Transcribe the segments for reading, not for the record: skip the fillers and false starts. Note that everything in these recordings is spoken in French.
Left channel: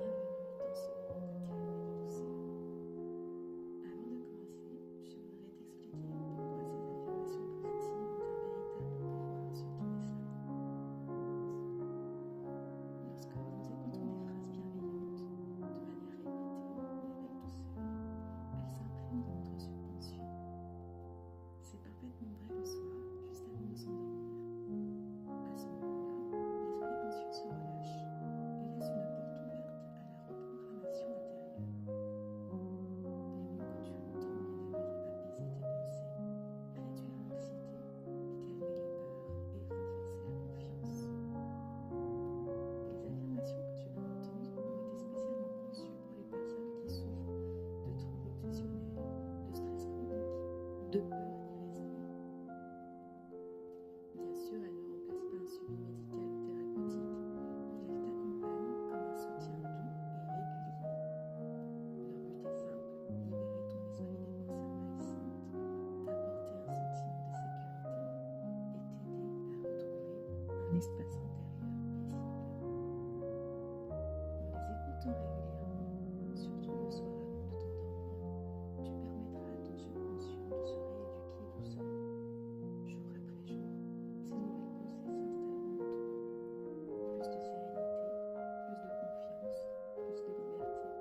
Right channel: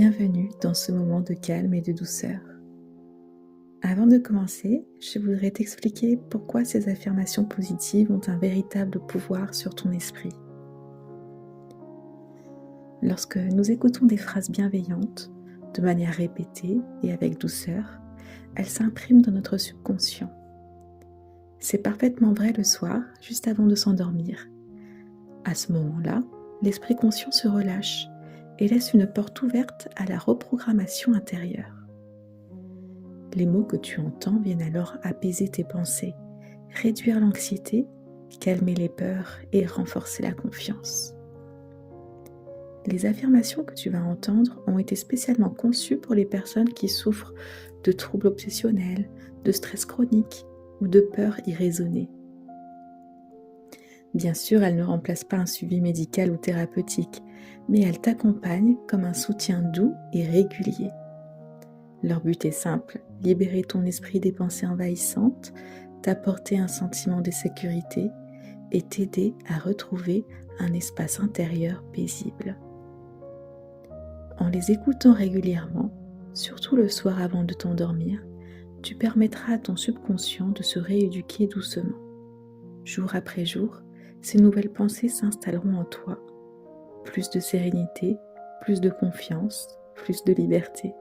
Bienvenue dans ce moment de calme et de douceur. Avant de commencer, je voudrais t'expliquer pourquoi ces affirmations positives ont un véritable pouvoir sur ton esprit. Lorsque nous écoutons des phrases bienveillantes, de manière répétée et avec douceur, elles s'impriment dans notre subconscient. C'est parfaitement vrai le soir, juste avant de s'endormir. À ce moment-là, l'esprit conscient se relâche et laisse une porte ouverte à la reprogrammation intérieure. Les mots que tu entends viennent alors apaiser tes pensées, réduire l'anxiété, calmer les peurs et renforcer la confiance. Les affirmations que tu vas entendre ont été spécialement conçues pour les personnes qui souffrent de troubles obsessionnels, de stress chronique ou de peurs irraisonnées. Bien sûr, elles ne remplacent pas un suivi médical ou thérapeutique, mais elles t'accompagnent comme un soutien doux et régulier. Leur but est simple, libérer ton esprit des pensées envahissantes, t'apporter un sentiment de sécurité et t'aider à retrouver un espace intérieur paisible. En les écoutant régulièrement, surtout le soir avant de t'endormir, tu permettras à ton subconscient de se rééduquer doucement. Jour après jour, ces nouvelles pensées s'installeront en toi. Plus de sérénité, plus de confiance, plus de liberté.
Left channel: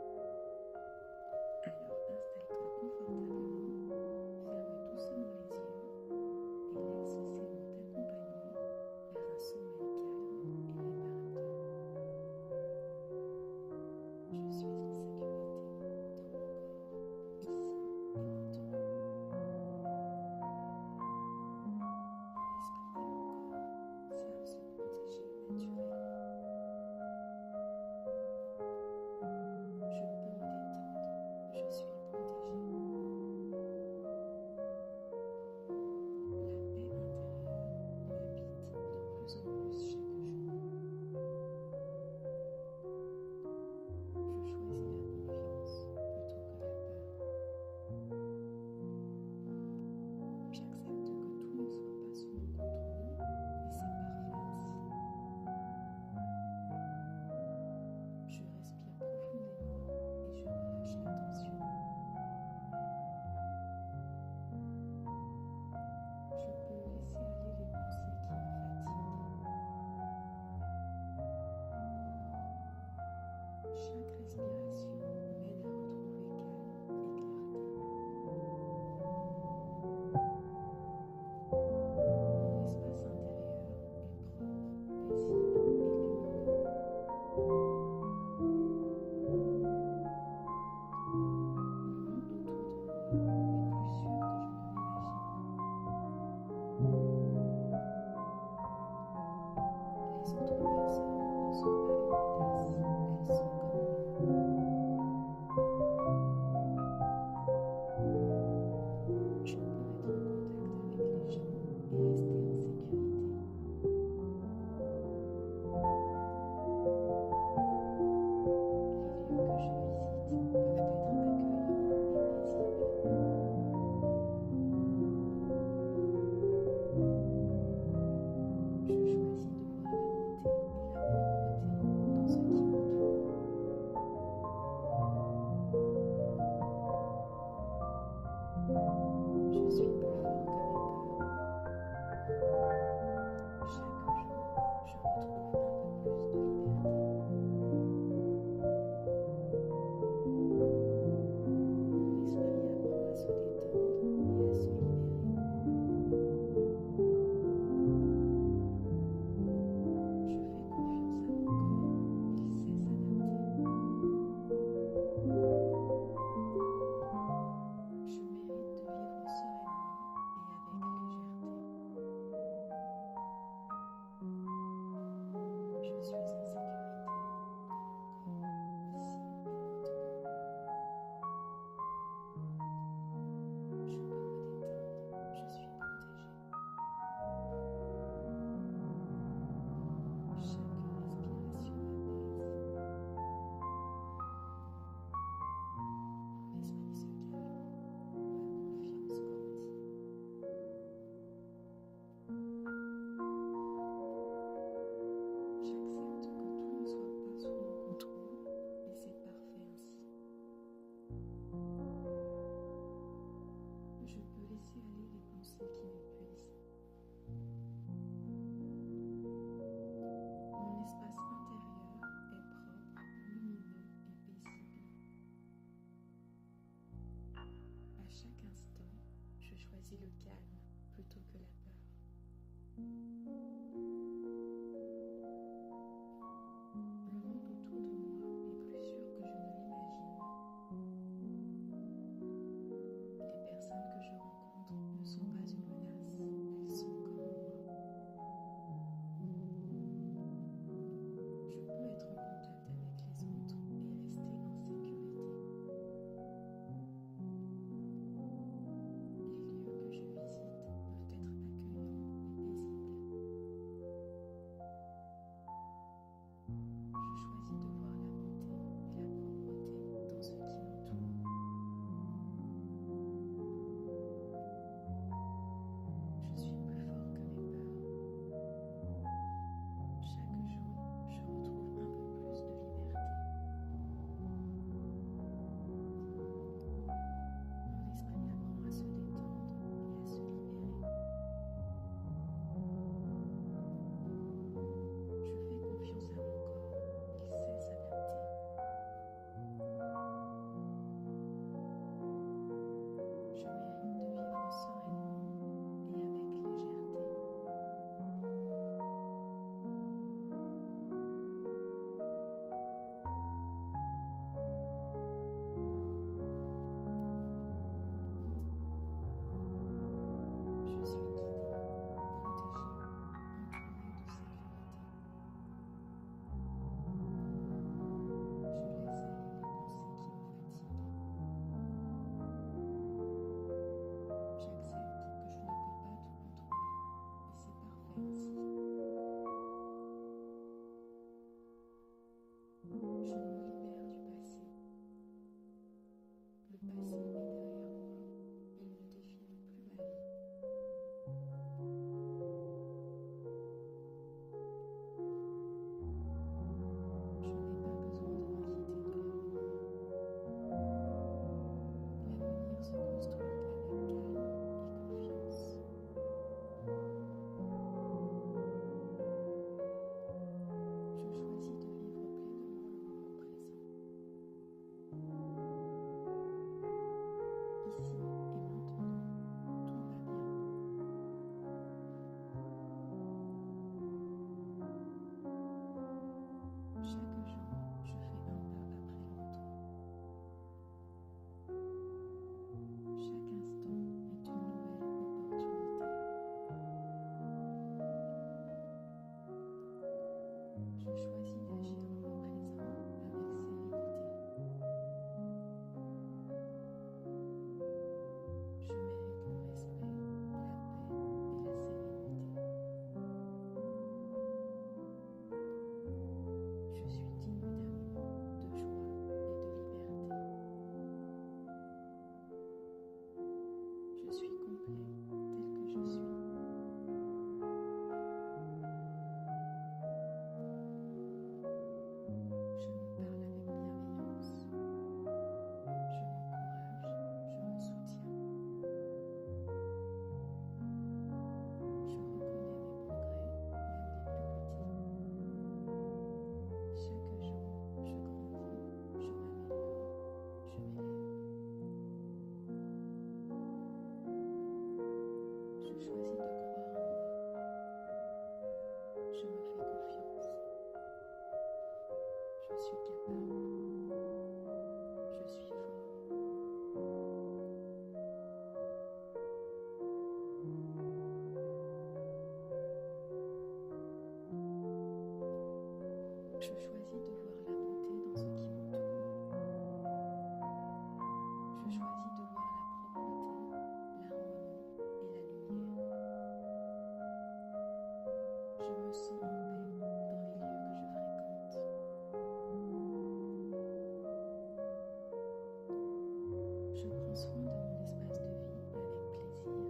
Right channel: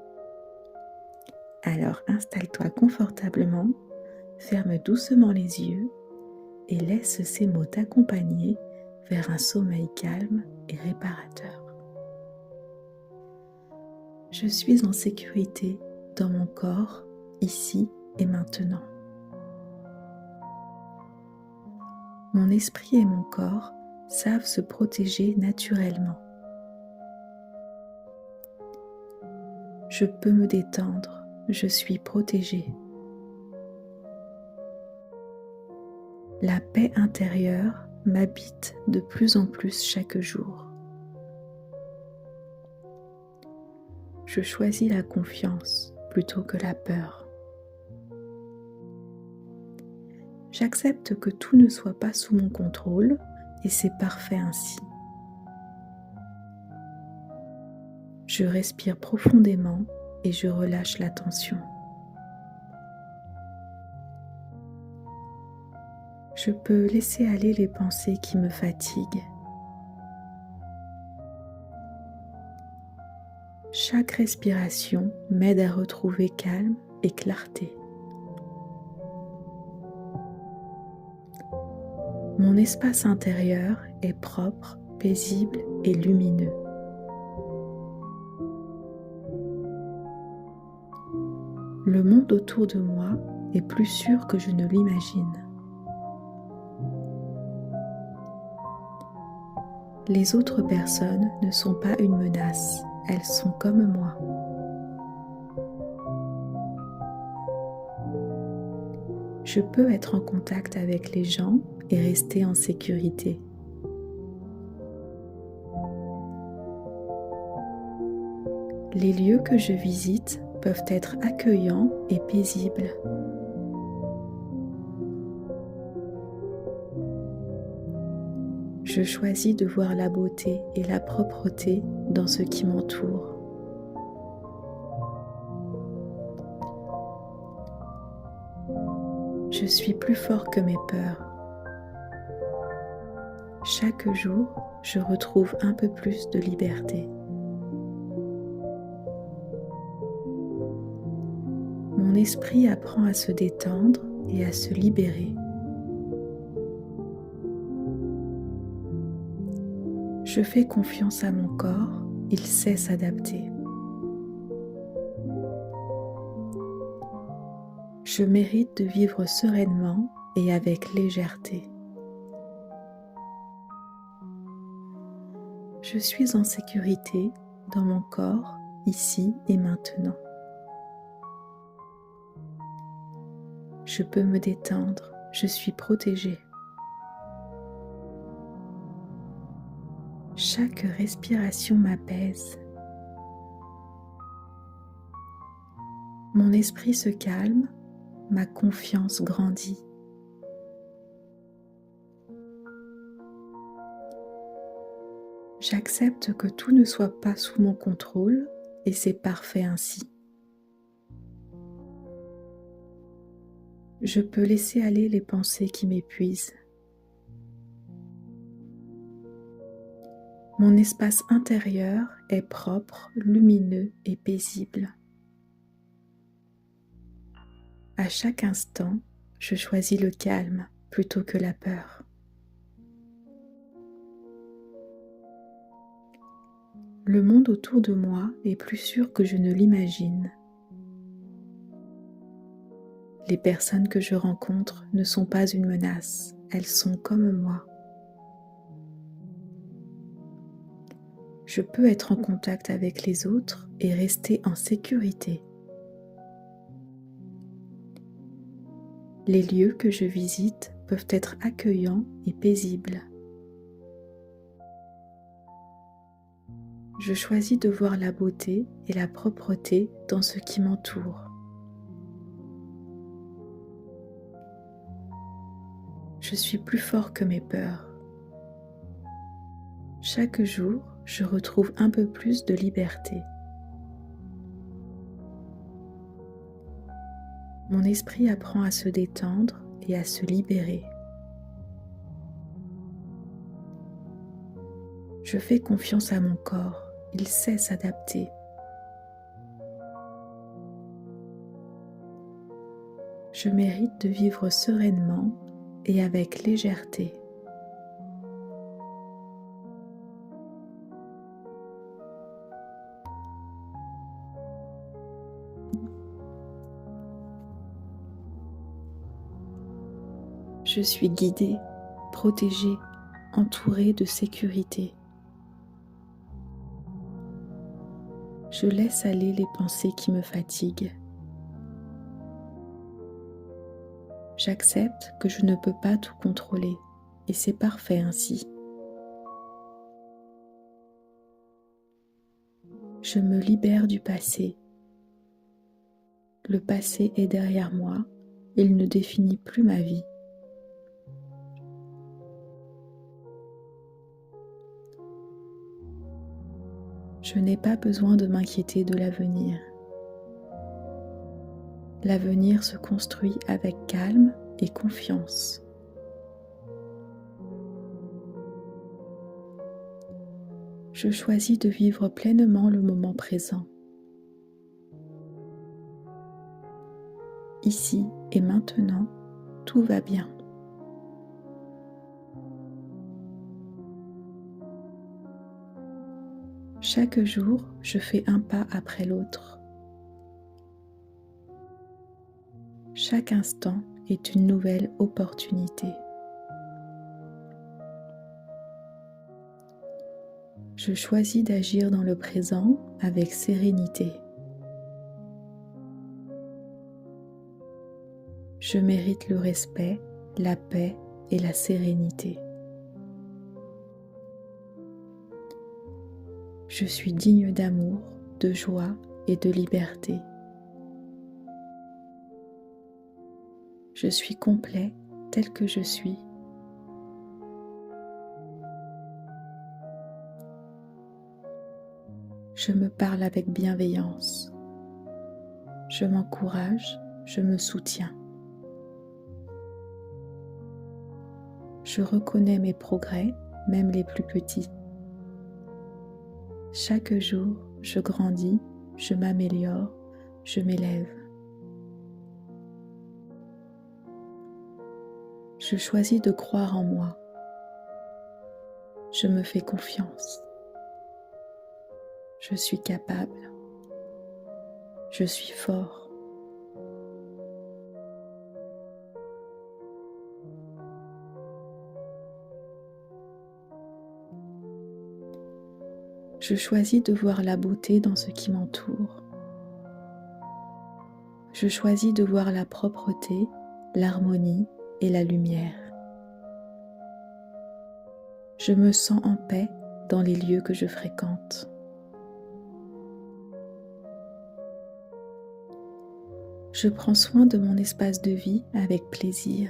Alors installe-toi confortablement, ferme doucement les yeux et laisse ces mots t'accompagner vers un sommeil calme et réparateur. Je suis en sécurité dans mon corps, ici et maintenant. Mon esprit et mon corps savent se protéger naturellement. Je peux me détendre, je suis protégée. La paix intérieure m'habite de plus en plus chaque jour. Je choisis la confiance plutôt que la peur. J'accepte que tout ne soit pas sous mon contrôle et c'est parfait ainsi. Je respire profondément et je relâche la tension. Je peux laisser aller les pensées qui me fatiguent. Chaque respiration m'aide à retrouver calme et clarté. Mon espace intérieur est propre, paisible et lumineux. Le monde autour de moi est plus sûr que je ne l'imagine. Les autres personnes ne sont pas une menace, elles sont comme moi. Je peux être en contact avec les gens et rester en sécurité. Les lieux que je visite peuvent être accueillants et paisibles. Je choisis de voir la beauté et la propreté dans ce qui m'entoure. Je suis plus fort que mes peurs. Chaque jour, je retrouve un peu plus de liberté. Mon esprit apprend à se détendre et à se libérer. Je fais confiance à mon corps, il sait s'adapter. Je mérite de vivre sereinement et avec légèreté. Je suis en sécurité dans mon corps, ici et maintenant. Je peux me détendre, je suis protégée. Chaque respiration m'apaise. Mon esprit se calme, ma confiance grandit. J'accepte que tout ne soit pas sous mon contrôle et c'est parfait ainsi. Je peux laisser aller les pensées qui m'épuisent. Mon espace intérieur est propre, lumineux et paisible. À chaque instant, je choisis le calme plutôt que la peur. Le monde autour de moi est plus sûr que je ne l'imagine. Les personnes que je rencontre ne sont pas une menace, elles sont comme moi. Je peux être en contact avec les autres et rester en sécurité. Les lieux que je visite peuvent être accueillants et paisibles. Je choisis de voir la beauté et la propreté dans ce qui m'entoure. Je suis plus fort que mes peurs. Chaque jour, je retrouve un peu plus de liberté. Mon esprit apprend à se détendre et à se libérer. Je fais confiance à mon corps, il sait s'adapter. Je mérite de vivre sereinement et avec légèreté. Je suis guidée, protégée, entourée de sécurité. Je laisse aller les pensées qui me fatiguent. J'accepte que je ne peux pas tout contrôler et c'est parfait ainsi. Je me libère du passé. Le passé est derrière moi, il ne définit plus ma vie. Je n'ai pas besoin de m'inquiéter de l'avenir. L'avenir se construit avec calme et confiance. Je choisis de vivre pleinement le moment présent. Ici et maintenant, tout va bien. Chaque jour, je fais un pas après l'autre. Chaque instant est une nouvelle opportunité. Je choisis d'agir dans le présent avec sérénité. Je mérite le respect, la paix et la sérénité. Je suis digne d'amour, de joie et de liberté. Je suis complet tel que je suis. Je me parle avec bienveillance. Je m'encourage, je me soutiens. Je reconnais mes progrès, même les plus petits. Chaque jour, je grandis, je m'améliore, je m'élève. Je choisis de croire en moi. Je me fais confiance. Je suis capable. Je suis fort. Je choisis de voir la beauté dans ce qui m'entoure. Je choisis de voir la propreté, l'harmonie et la lumière. Je me sens en paix dans les lieux que je fréquente. Je prends soin de mon espace de vie avec plaisir.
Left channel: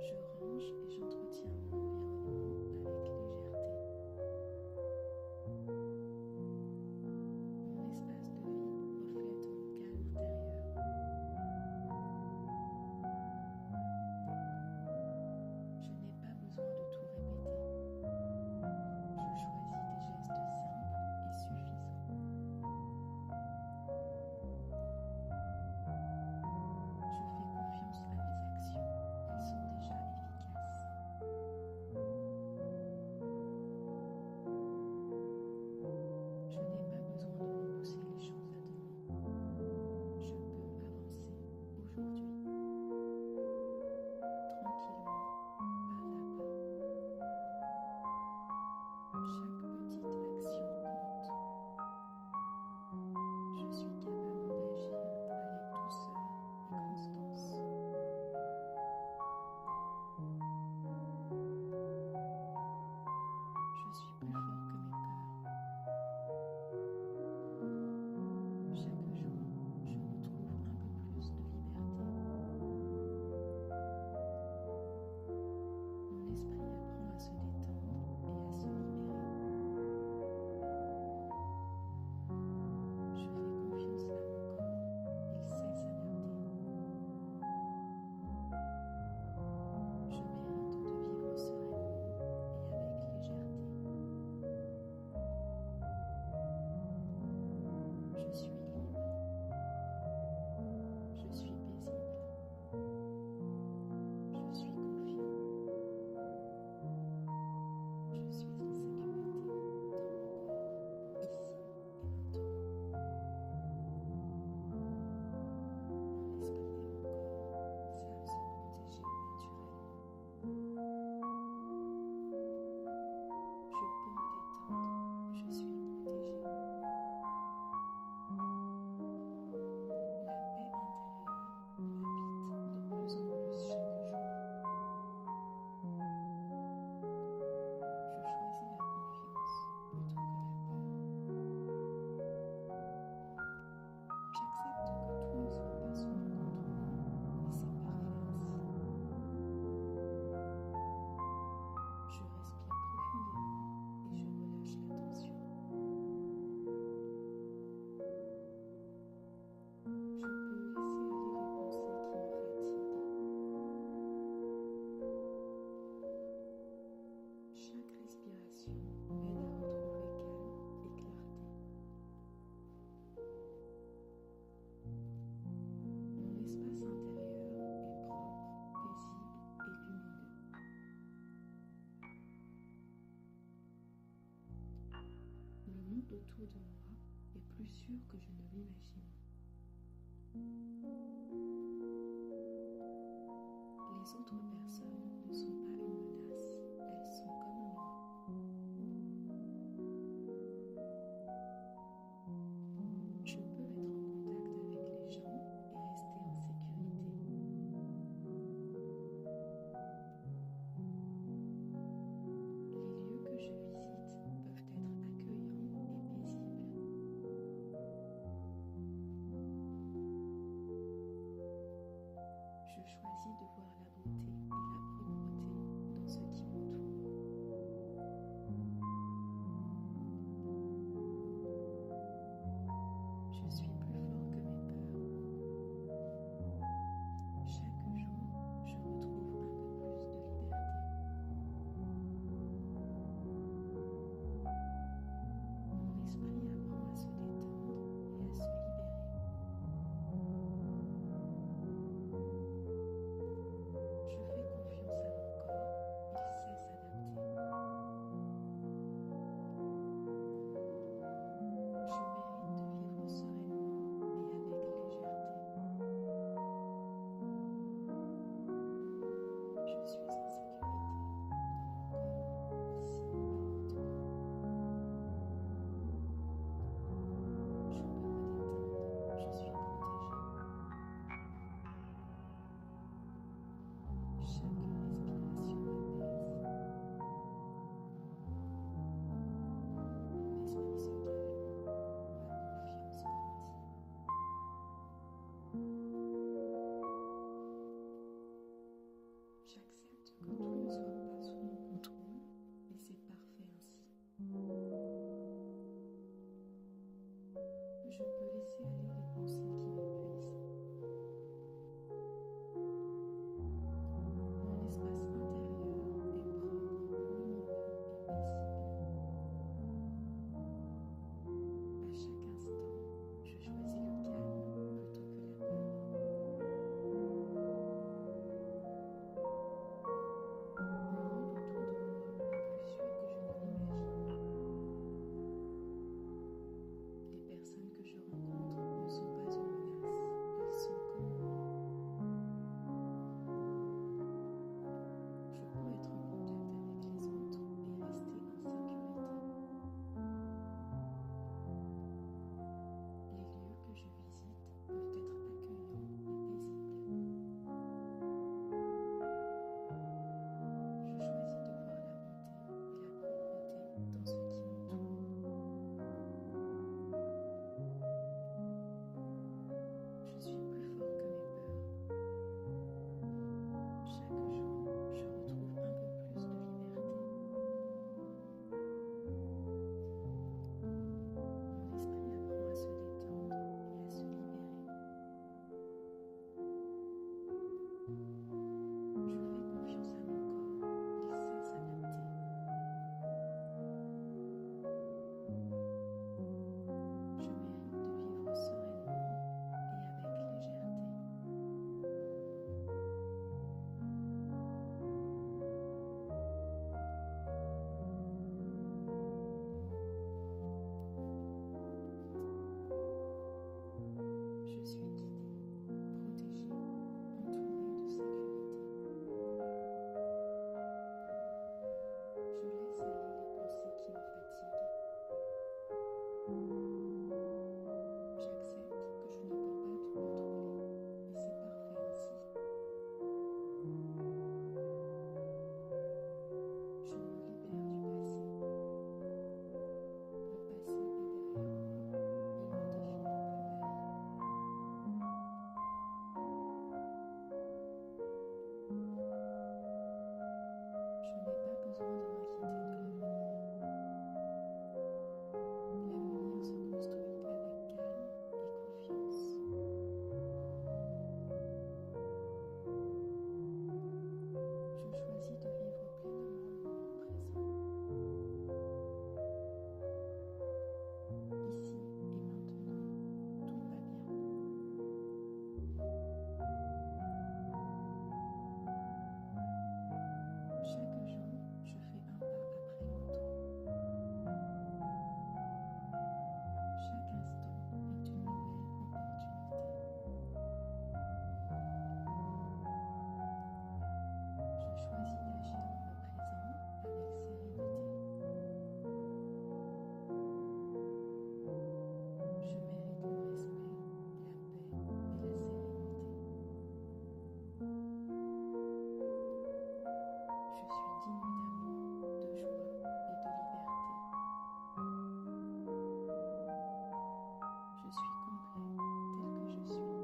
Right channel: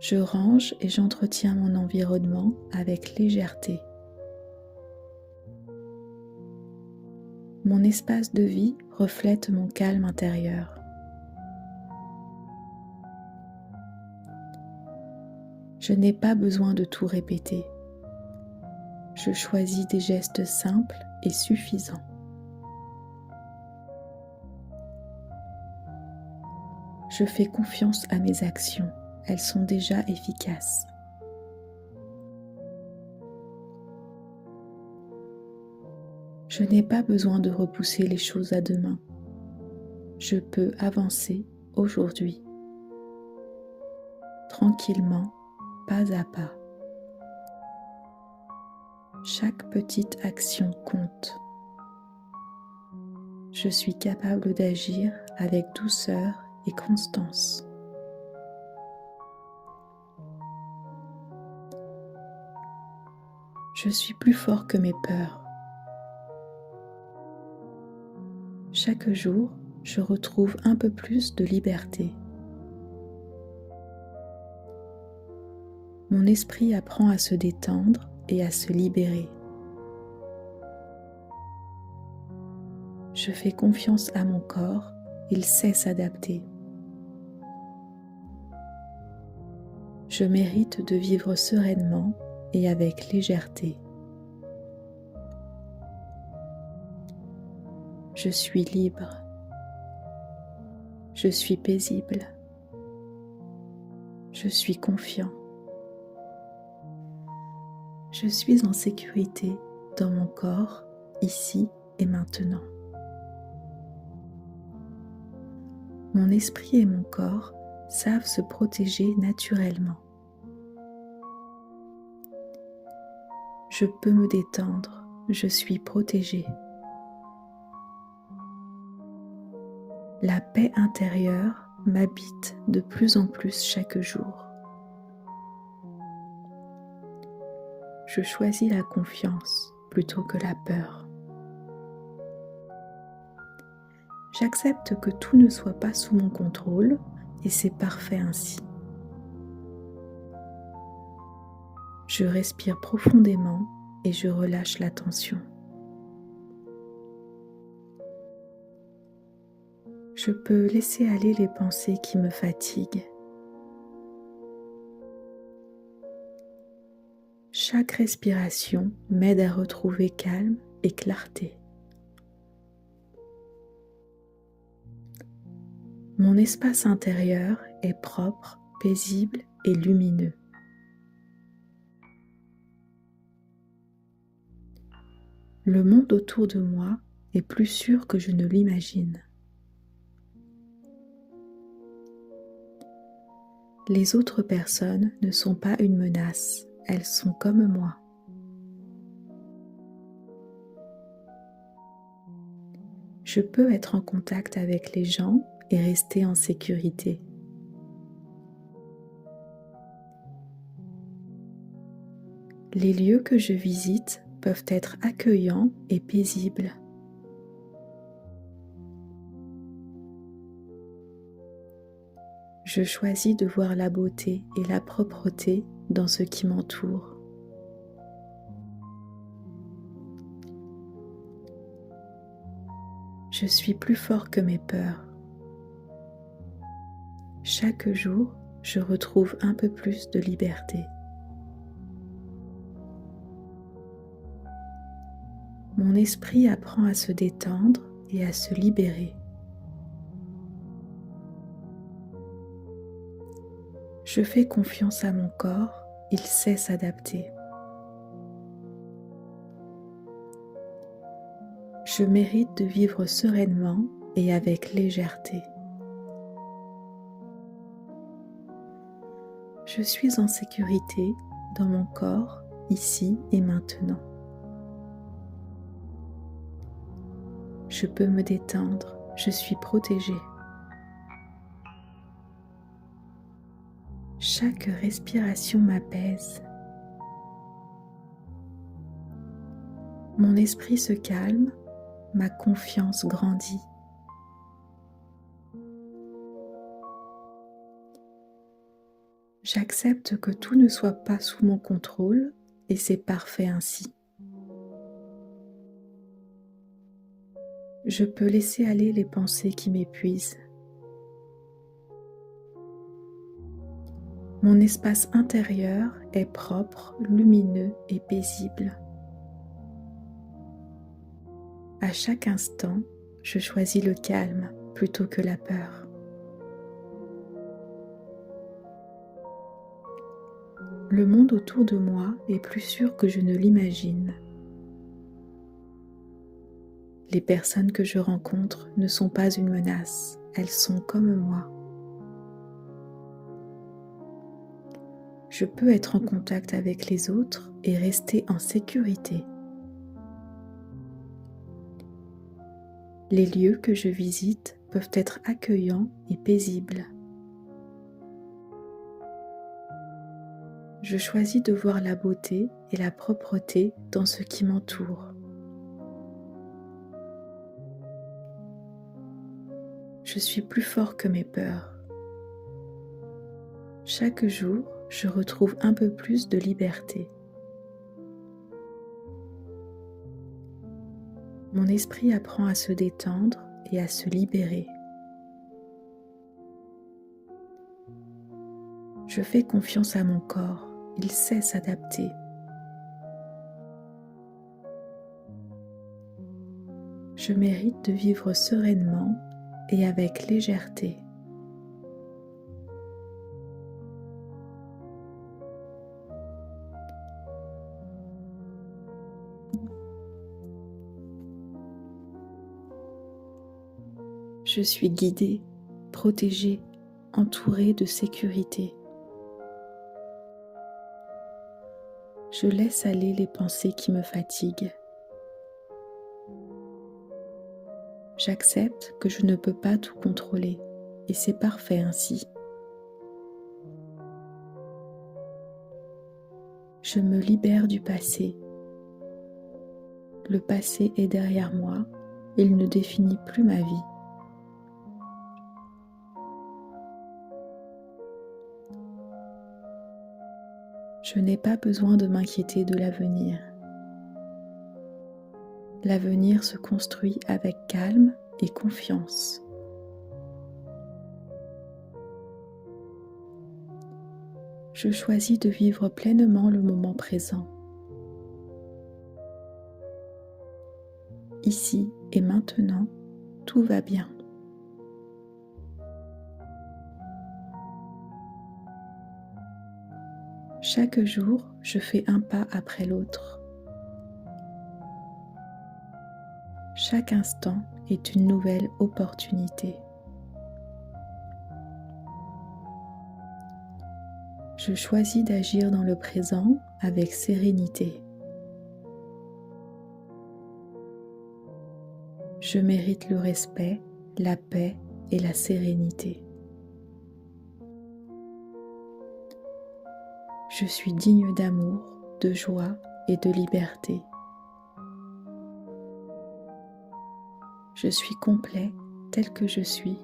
Je range et j'entretiens mon environnement avec légèreté. Mon espace de vie reflète mon calme intérieur. Je n'ai pas besoin de tout répéter. Je choisis des gestes simples et suffisants. Je fais confiance à mes actions, elles sont déjà efficaces. Je n'ai pas besoin de repousser les choses à demain. Je peux avancer aujourd'hui, tranquillement, pas à pas. Chaque petite action compte. Je suis capable d'agir avec douceur et constance. Je suis plus fort que mes peurs. Chaque jour, je retrouve un peu plus de liberté. Mon esprit apprend à se détendre et à se libérer. Je fais confiance à mon corps, il sait s'adapter. Je mérite de vivre sereinement et avec légèreté. Je suis libre. Je suis paisible. Je suis confiant. Je suis en sécurité dans mon corps, ici et maintenant. Mon esprit et mon corps savent se protéger naturellement. Je peux me détendre, je suis protégée. La paix intérieure m'habite de plus en plus chaque jour. Je choisis la confiance plutôt que la peur. J'accepte que tout ne soit pas sous mon contrôle et c'est parfait ainsi. Je respire profondément et je relâche la tension. Je peux laisser aller les pensées qui me fatiguent. Chaque respiration m'aide à retrouver calme et clarté. Mon espace intérieur est propre, paisible et lumineux. Le monde autour de moi est plus sûr que je ne l'imagine. Les autres personnes ne sont pas une menace, elles sont comme moi. Je peux être en contact avec les gens et rester en sécurité. Les lieux que je visite peuvent être accueillants et paisibles. Je choisis de voir la beauté et la propreté dans ce qui m'entoure. Je suis plus fort que mes peurs. Chaque jour, je retrouve un peu plus de liberté. Mon esprit apprend à se détendre et à se libérer. Je fais confiance à mon corps, il sait s'adapter. Je mérite de vivre sereinement et avec légèreté. Je suis en sécurité dans mon corps, ici et maintenant. Je peux me détendre, je suis protégée. Chaque respiration m'apaise. Mon esprit se calme, ma confiance grandit. J'accepte que tout ne soit pas sous mon contrôle et c'est parfait ainsi. Je peux laisser aller les pensées qui m'épuisent. Mon espace intérieur est propre, lumineux et paisible. À chaque instant, je choisis le calme plutôt que la peur. Le monde autour de moi est plus sûr que je ne l'imagine. Les personnes que je rencontre ne sont pas une menace, elles sont comme moi. Je peux être en contact avec les autres et rester en sécurité. Les lieux que je visite peuvent être accueillants et paisibles. Je choisis de voir la beauté et la propreté dans ce qui m'entoure. Je suis plus fort que mes peurs. Chaque jour, je retrouve un peu plus de liberté. Mon esprit apprend à se détendre et à se libérer. Je fais confiance à mon corps, il sait s'adapter. Je mérite de vivre sereinement et avec légèreté. Je suis guidée, protégée, entourée de sécurité. Je laisse aller les pensées qui me fatiguent. J'accepte que je ne peux pas tout contrôler et c'est parfait ainsi. Je me libère du passé. Le passé est derrière moi, il ne définit plus ma vie. Je n'ai pas besoin de m'inquiéter de l'avenir. L'avenir se construit avec calme et confiance. Je choisis de vivre pleinement le moment présent. Ici et maintenant, tout va bien. Chaque jour, je fais un pas après l'autre. Chaque instant est une nouvelle opportunité. Je choisis d'agir dans le présent avec sérénité. Je mérite le respect, la paix et la sérénité. Je suis digne d'amour, de joie et de liberté. Je suis complet tel que je suis.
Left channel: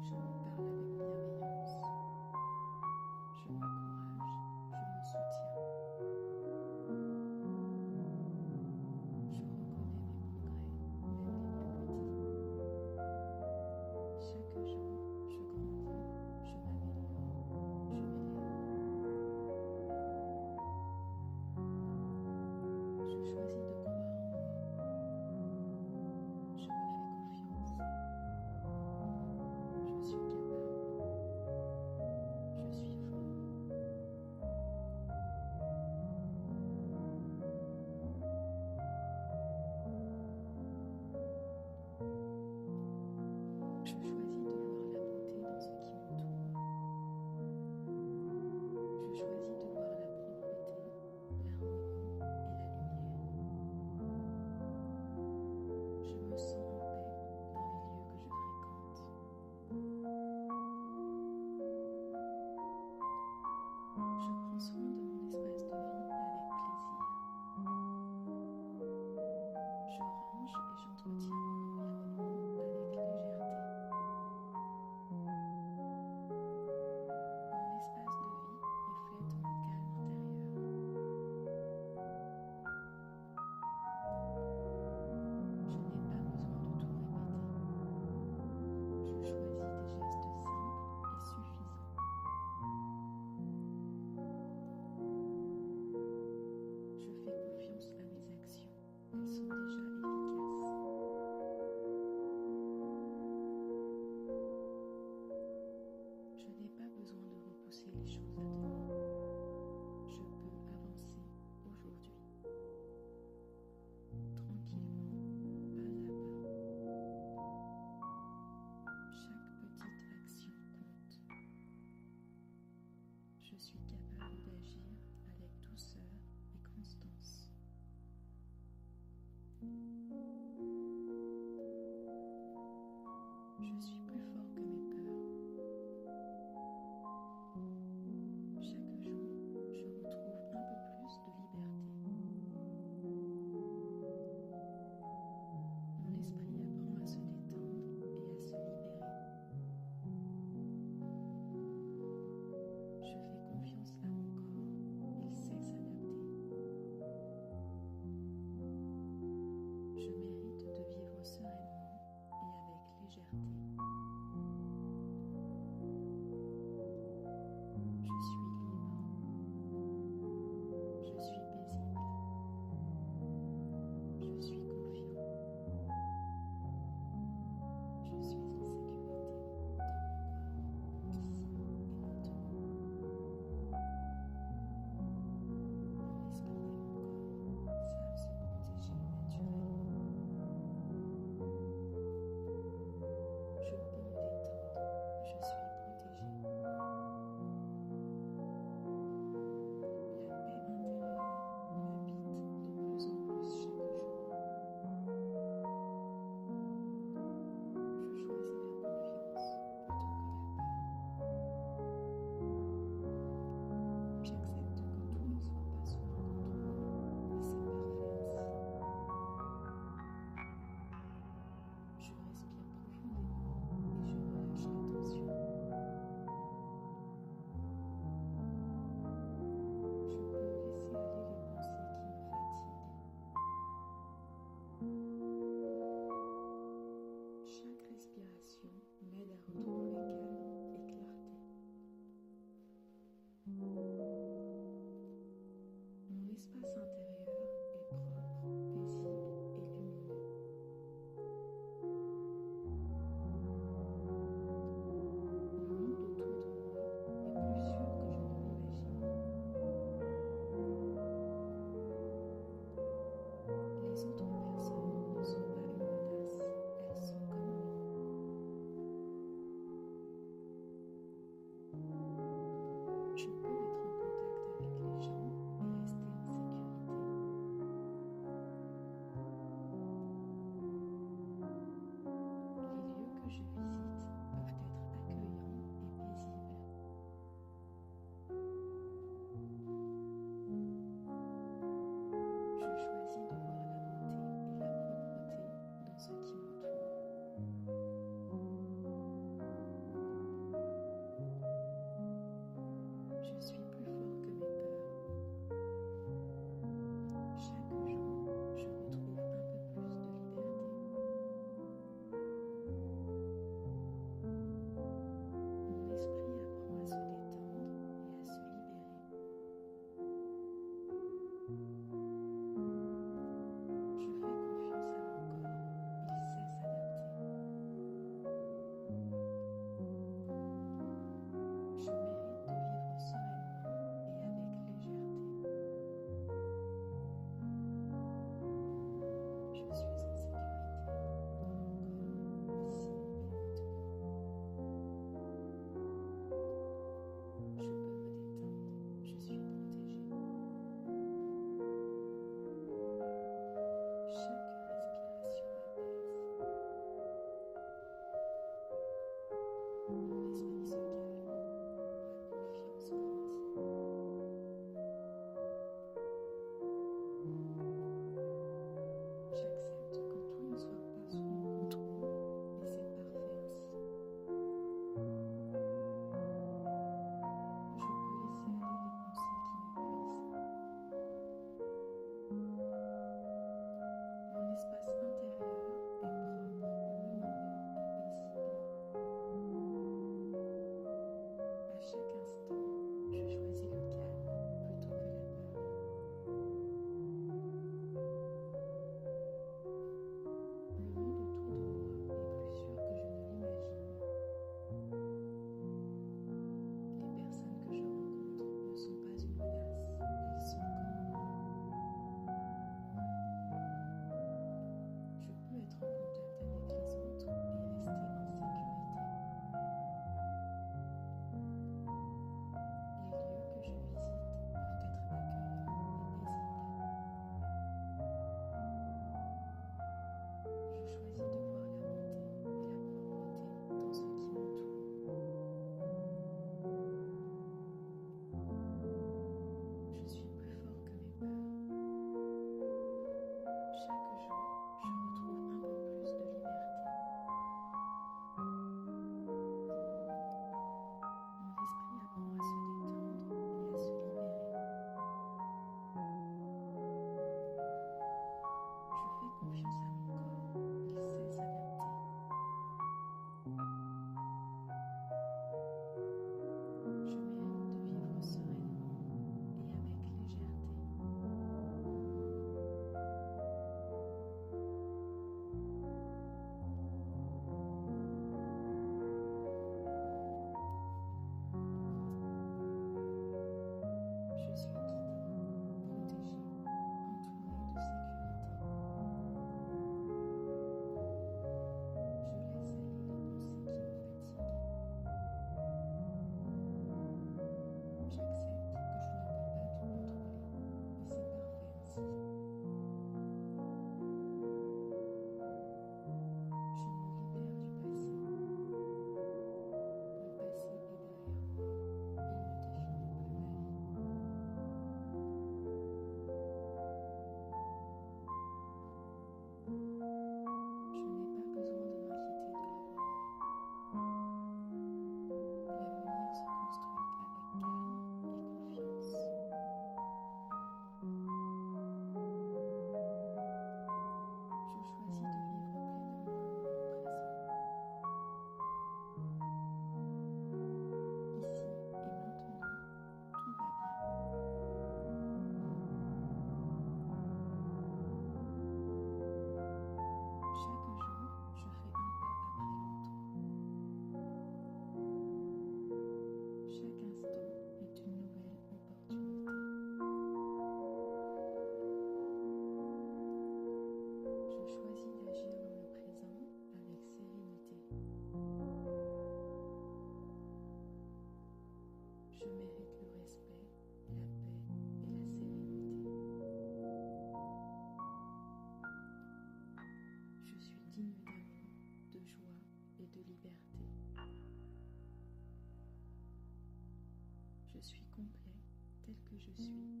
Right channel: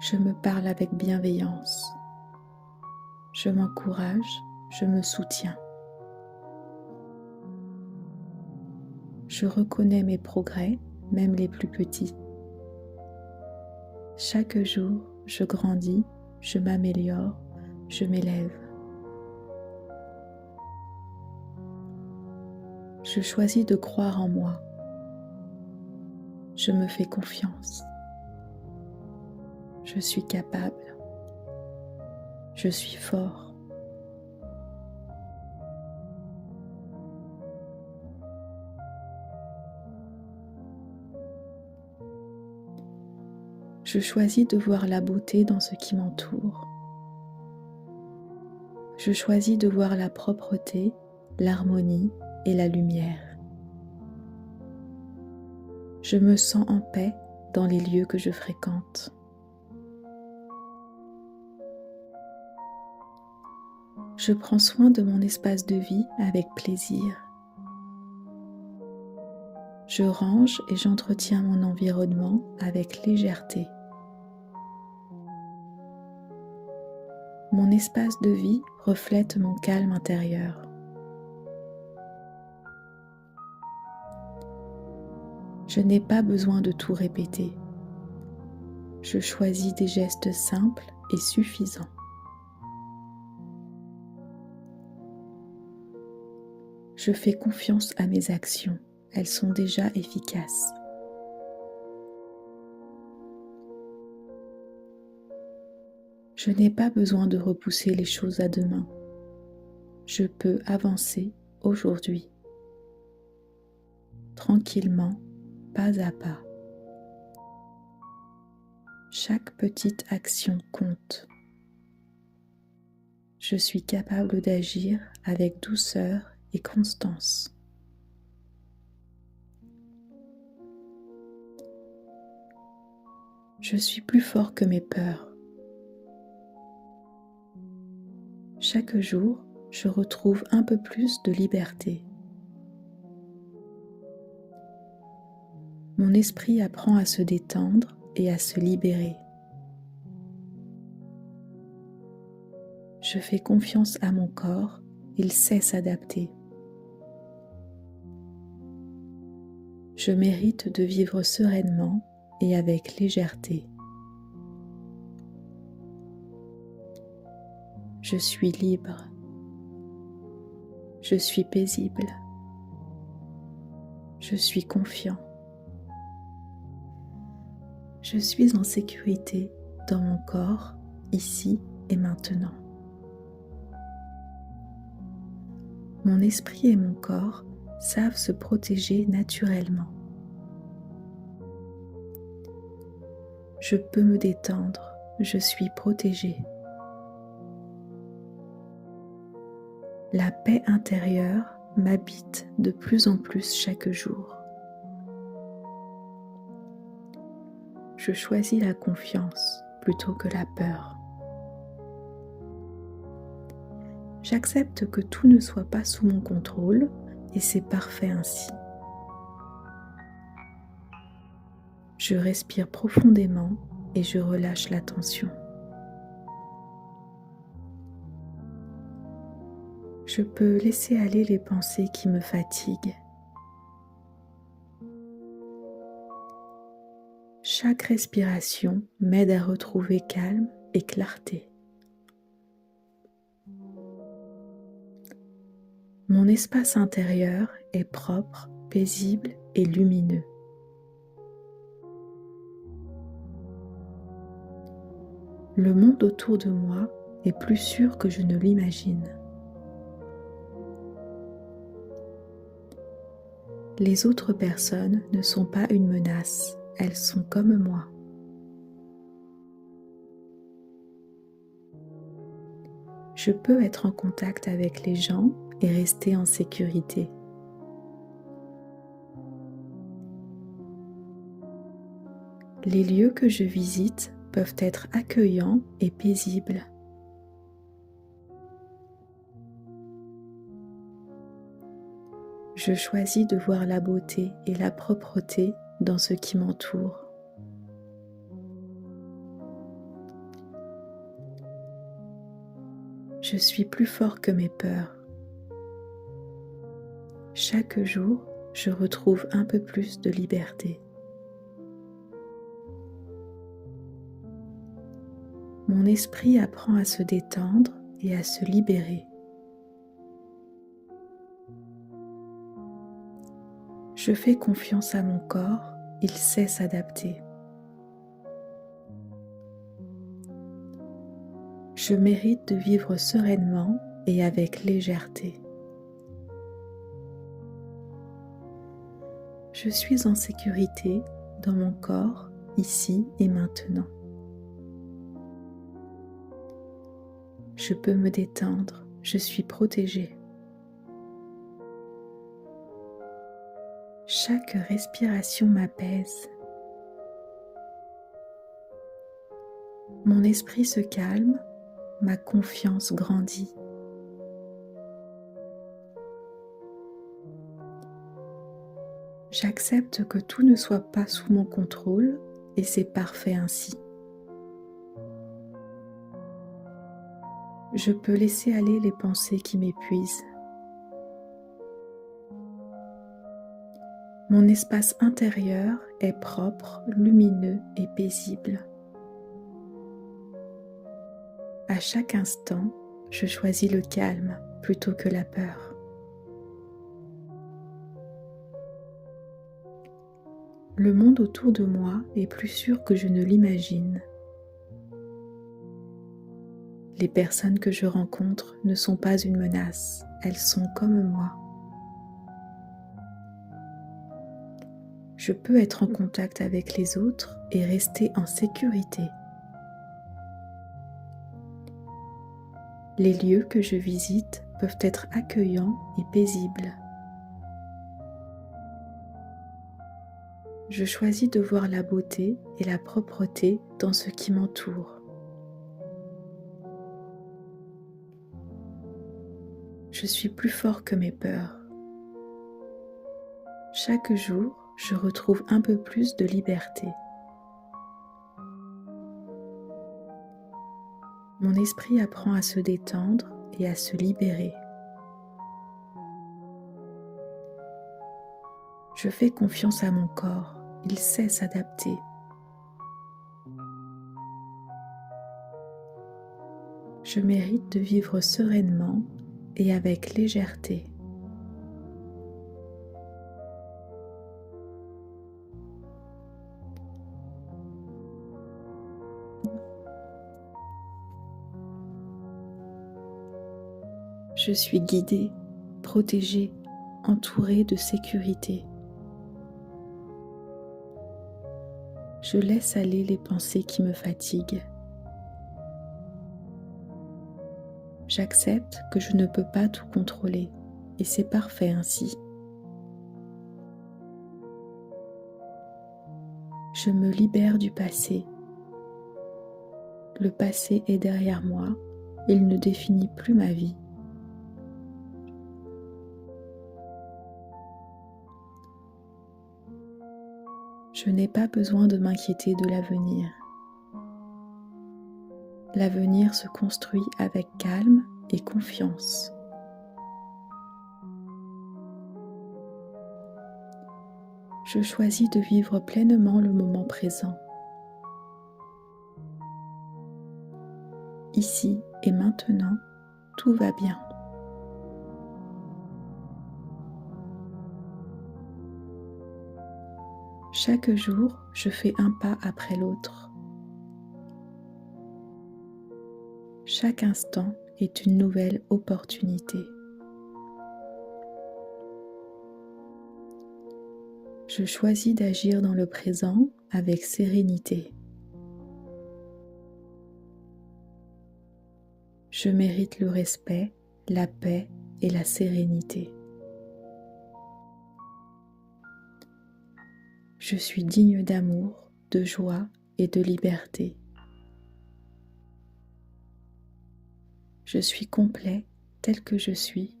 Je me parle avec bienveillance. Je m'encourage, je me soutiens. Je reconnais mes progrès, même les plus petits. Chaque jour, je grandis, je m'améliore, je m'élève. Je choisis de croire en moi. Je me fais confiance. Je suis capable. Je suis fort. Je choisis de voir la beauté dans ce qui m'entoure. Je choisis de voir la propreté, l'harmonie et la lumière. Je me sens en paix dans les lieux que je fréquente. Je prends soin de mon espace de vie avec plaisir. Je range et j'entretiens mon environnement avec légèreté. Mon espace de vie reflète mon calme intérieur. Je n'ai pas besoin de tout répéter. Je choisis des gestes simples et suffisants. Je fais confiance à mes actions, elles sont déjà efficaces. Je n'ai pas besoin de repousser les choses à demain. Je peux avancer aujourd'hui, tranquillement, pas à pas. Chaque petite action compte. Je suis capable d'agir avec douceur et constance. Je suis plus fort que mes peurs. Chaque jour, je retrouve un peu plus de liberté. Mon esprit apprend à se détendre et à se libérer. Je fais confiance à mon corps, il sait s'adapter. Je mérite de vivre sereinement et avec légèreté. Je suis libre. Je suis paisible. Je suis confiant. Je suis en sécurité dans mon corps, ici et maintenant. Mon esprit et mon corps savent se protéger naturellement. Je peux me détendre, je suis protégée. La paix intérieure m'habite de plus en plus chaque jour. Je choisis la confiance plutôt que la peur. J'accepte que tout ne soit pas sous mon contrôle et c'est parfait ainsi. Je respire profondément et je relâche la tension. Je peux laisser aller les pensées qui me fatiguent. Chaque respiration m'aide à retrouver calme et clarté. Mon espace intérieur est propre, paisible et lumineux. Le monde autour de moi est plus sûr que je ne l'imagine. Les autres personnes ne sont pas une menace, elles sont comme moi. Je peux être en contact avec les gens et rester en sécurité. Les lieux que je visite peuvent être accueillants et paisibles. Je choisis de voir la beauté et la propreté dans ce qui m'entoure. Je suis plus fort que mes peurs. Chaque jour, je retrouve un peu plus de liberté. Mon esprit apprend à se détendre et à se libérer. Je fais confiance à mon corps, il sait s'adapter. Je mérite de vivre sereinement et avec légèreté. Je suis en sécurité dans mon corps, ici et maintenant. Je peux me détendre, je suis protégée. Chaque respiration m'apaise. Mon esprit se calme, ma confiance grandit. J'accepte que tout ne soit pas sous mon contrôle et c'est parfait ainsi. Je peux laisser aller les pensées qui m'épuisent. Mon espace intérieur est propre, lumineux et paisible. À chaque instant, je choisis le calme plutôt que la peur. Le monde autour de moi est plus sûr que je ne l'imagine. Les personnes que je rencontre ne sont pas une menace, elles sont comme moi. Je peux être en contact avec les autres et rester en sécurité. Les lieux que je visite peuvent être accueillants et paisibles. Je choisis de voir la beauté et la propreté dans ce qui m'entoure. Je suis plus fort que mes peurs. Chaque jour, je retrouve un peu plus de liberté. Mon esprit apprend à se détendre et à se libérer. Je fais confiance à mon corps, il sait s'adapter. Je mérite de vivre sereinement et avec légèreté. Je suis guidée, protégée, entourée de sécurité. Je laisse aller les pensées qui me fatiguent. J'accepte que je ne peux pas tout contrôler et c'est parfait ainsi. Je me libère du passé. Le passé est derrière moi, il ne définit plus ma vie. Je n'ai pas besoin de m'inquiéter de l'avenir. L'avenir se construit avec calme et confiance. Je choisis de vivre pleinement le moment présent. Ici et maintenant, tout va bien. Chaque jour, je fais un pas après l'autre. Chaque instant est une nouvelle opportunité. Je choisis d'agir dans le présent avec sérénité. Je mérite le respect, la paix et la sérénité. Je suis digne d'amour, de joie et de liberté. Je suis complet tel que je suis.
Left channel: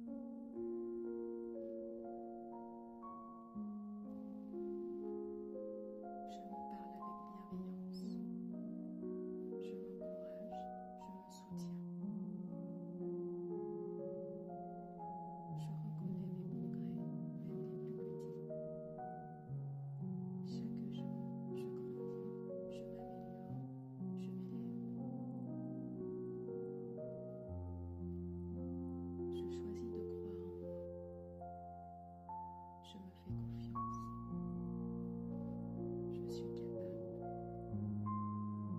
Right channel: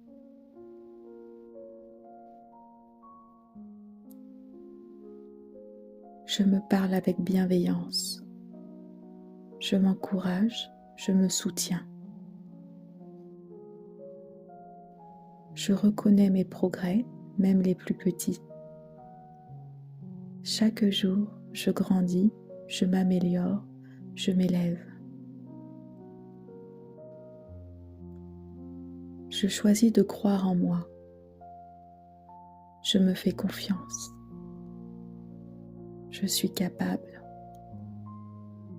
Je me parle avec bienveillance. Je m'encourage, je me soutiens. Je reconnais mes progrès, même les plus petits. Chaque jour, je grandis, je m'améliore, je m'élève. Je choisis de croire en moi. Je me fais confiance. Je suis capable.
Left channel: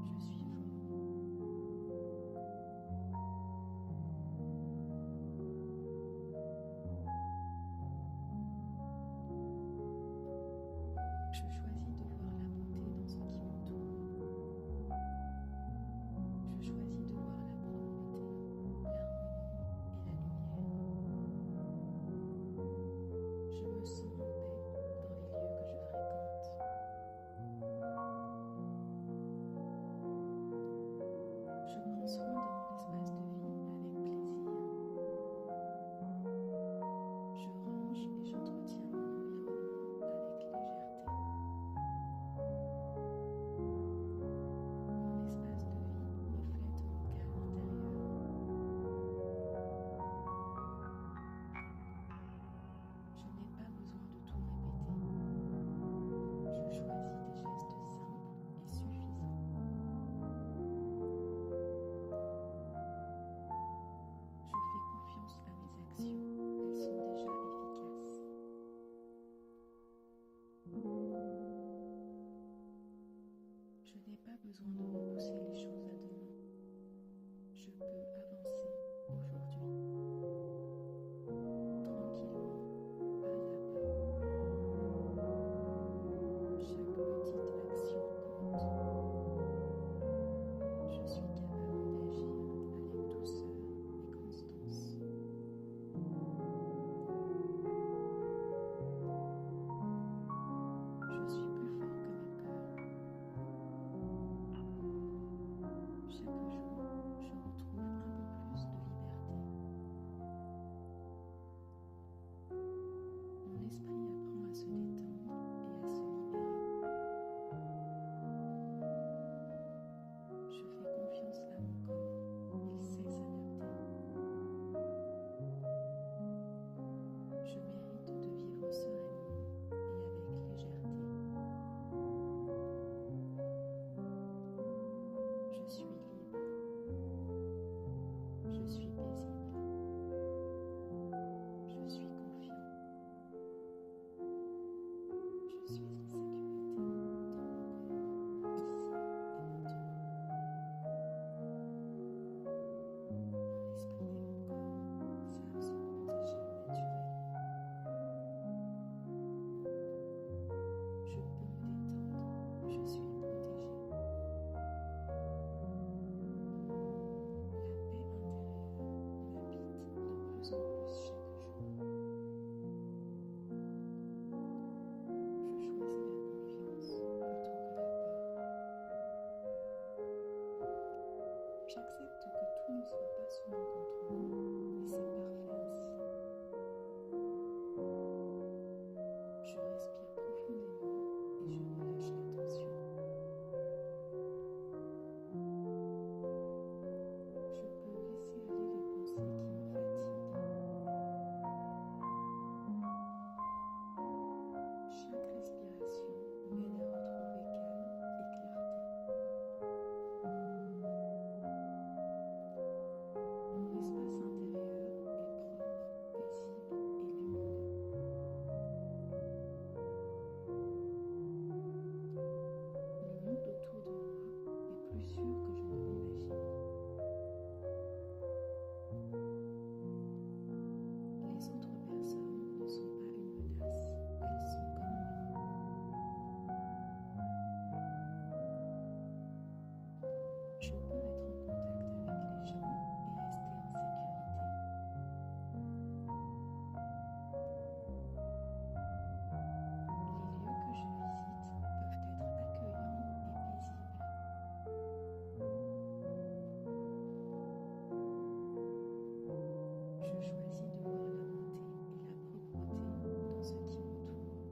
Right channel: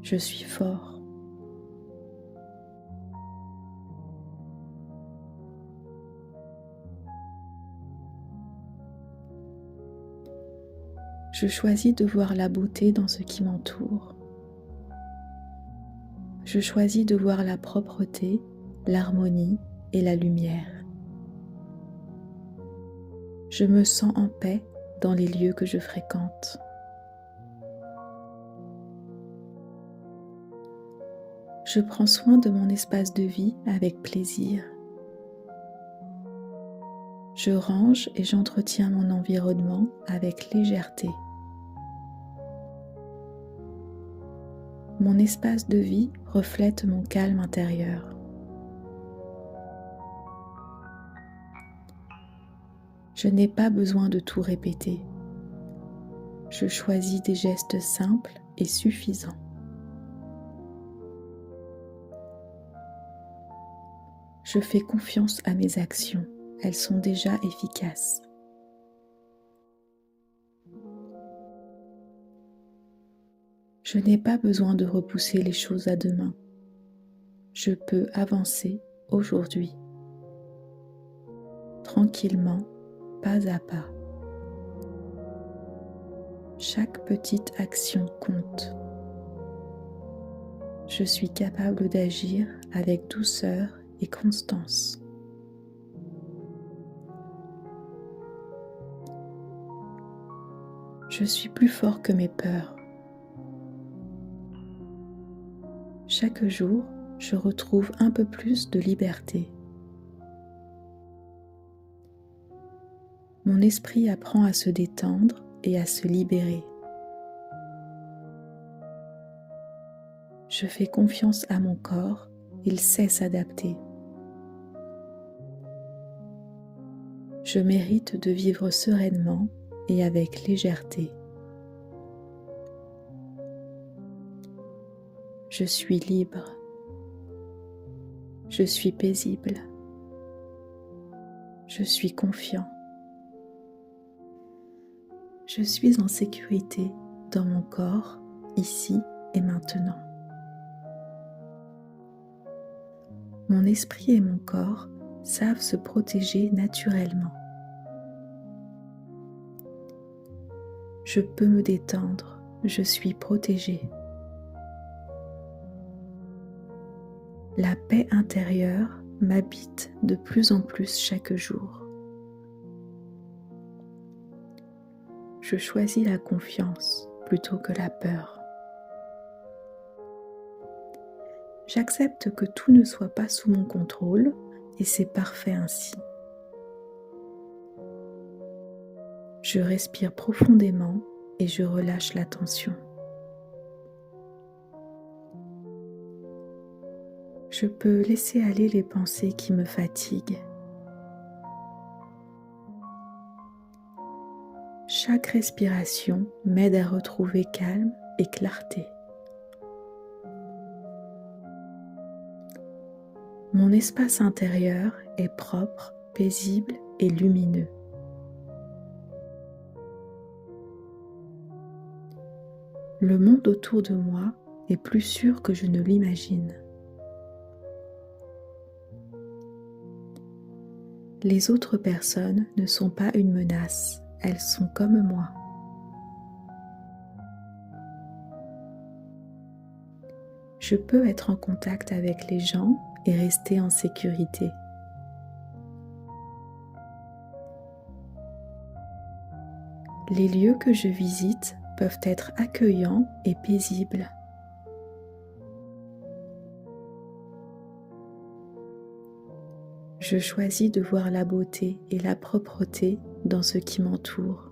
Je suis fort. Je choisis de voir la beauté dans ce qui m'entoure. Je choisis de voir la propreté, l'harmonie et la lumière. Je me sens en paix dans les lieux que je fréquente. Je prends soin de mon espace de vie avec plaisir. Je range et j'entretiens mon environnement avec légèreté. Mon espace de vie reflète mon calme intérieur. Je n'ai pas besoin de tout répéter. Je choisis des gestes simples et suffisants. Je fais confiance à mes actions, elles sont déjà efficaces. Je n'ai pas besoin de repousser les choses à demain. Je peux avancer aujourd'hui, tranquillement, pas à pas. Chaque petite action compte. Je suis capable d'agir avec douceur et constance. Je suis plus fort que mes peurs. Chaque jour, je retrouve un peu plus de liberté. Mon esprit apprend à se détendre et à se libérer. Je fais confiance à mon corps, il sait s'adapter. Je mérite de vivre sereinement et avec légèreté. Je suis libre. Je suis paisible. Je suis confiant. Je suis en sécurité dans mon corps, ici et maintenant. Mon esprit et mon corps savent se protéger naturellement. Je peux me détendre, je suis protégée. La paix intérieure m'habite de plus en plus chaque jour. Je choisis la confiance plutôt que la peur. J'accepte que tout ne soit pas sous mon contrôle et c'est parfait ainsi. Je respire profondément et je relâche la tension. Je peux laisser aller les pensées qui me fatiguent. Chaque respiration m'aide à retrouver calme et clarté. Mon espace intérieur est propre, paisible et lumineux. Le monde autour de moi est plus sûr que je ne l'imagine. Les autres personnes ne sont pas une menace, elles sont comme moi. Je peux être en contact avec les gens et rester en sécurité. Les lieux que je visite peuvent être accueillants et paisibles. Je choisis de voir la beauté et la propreté dans ce qui m'entoure.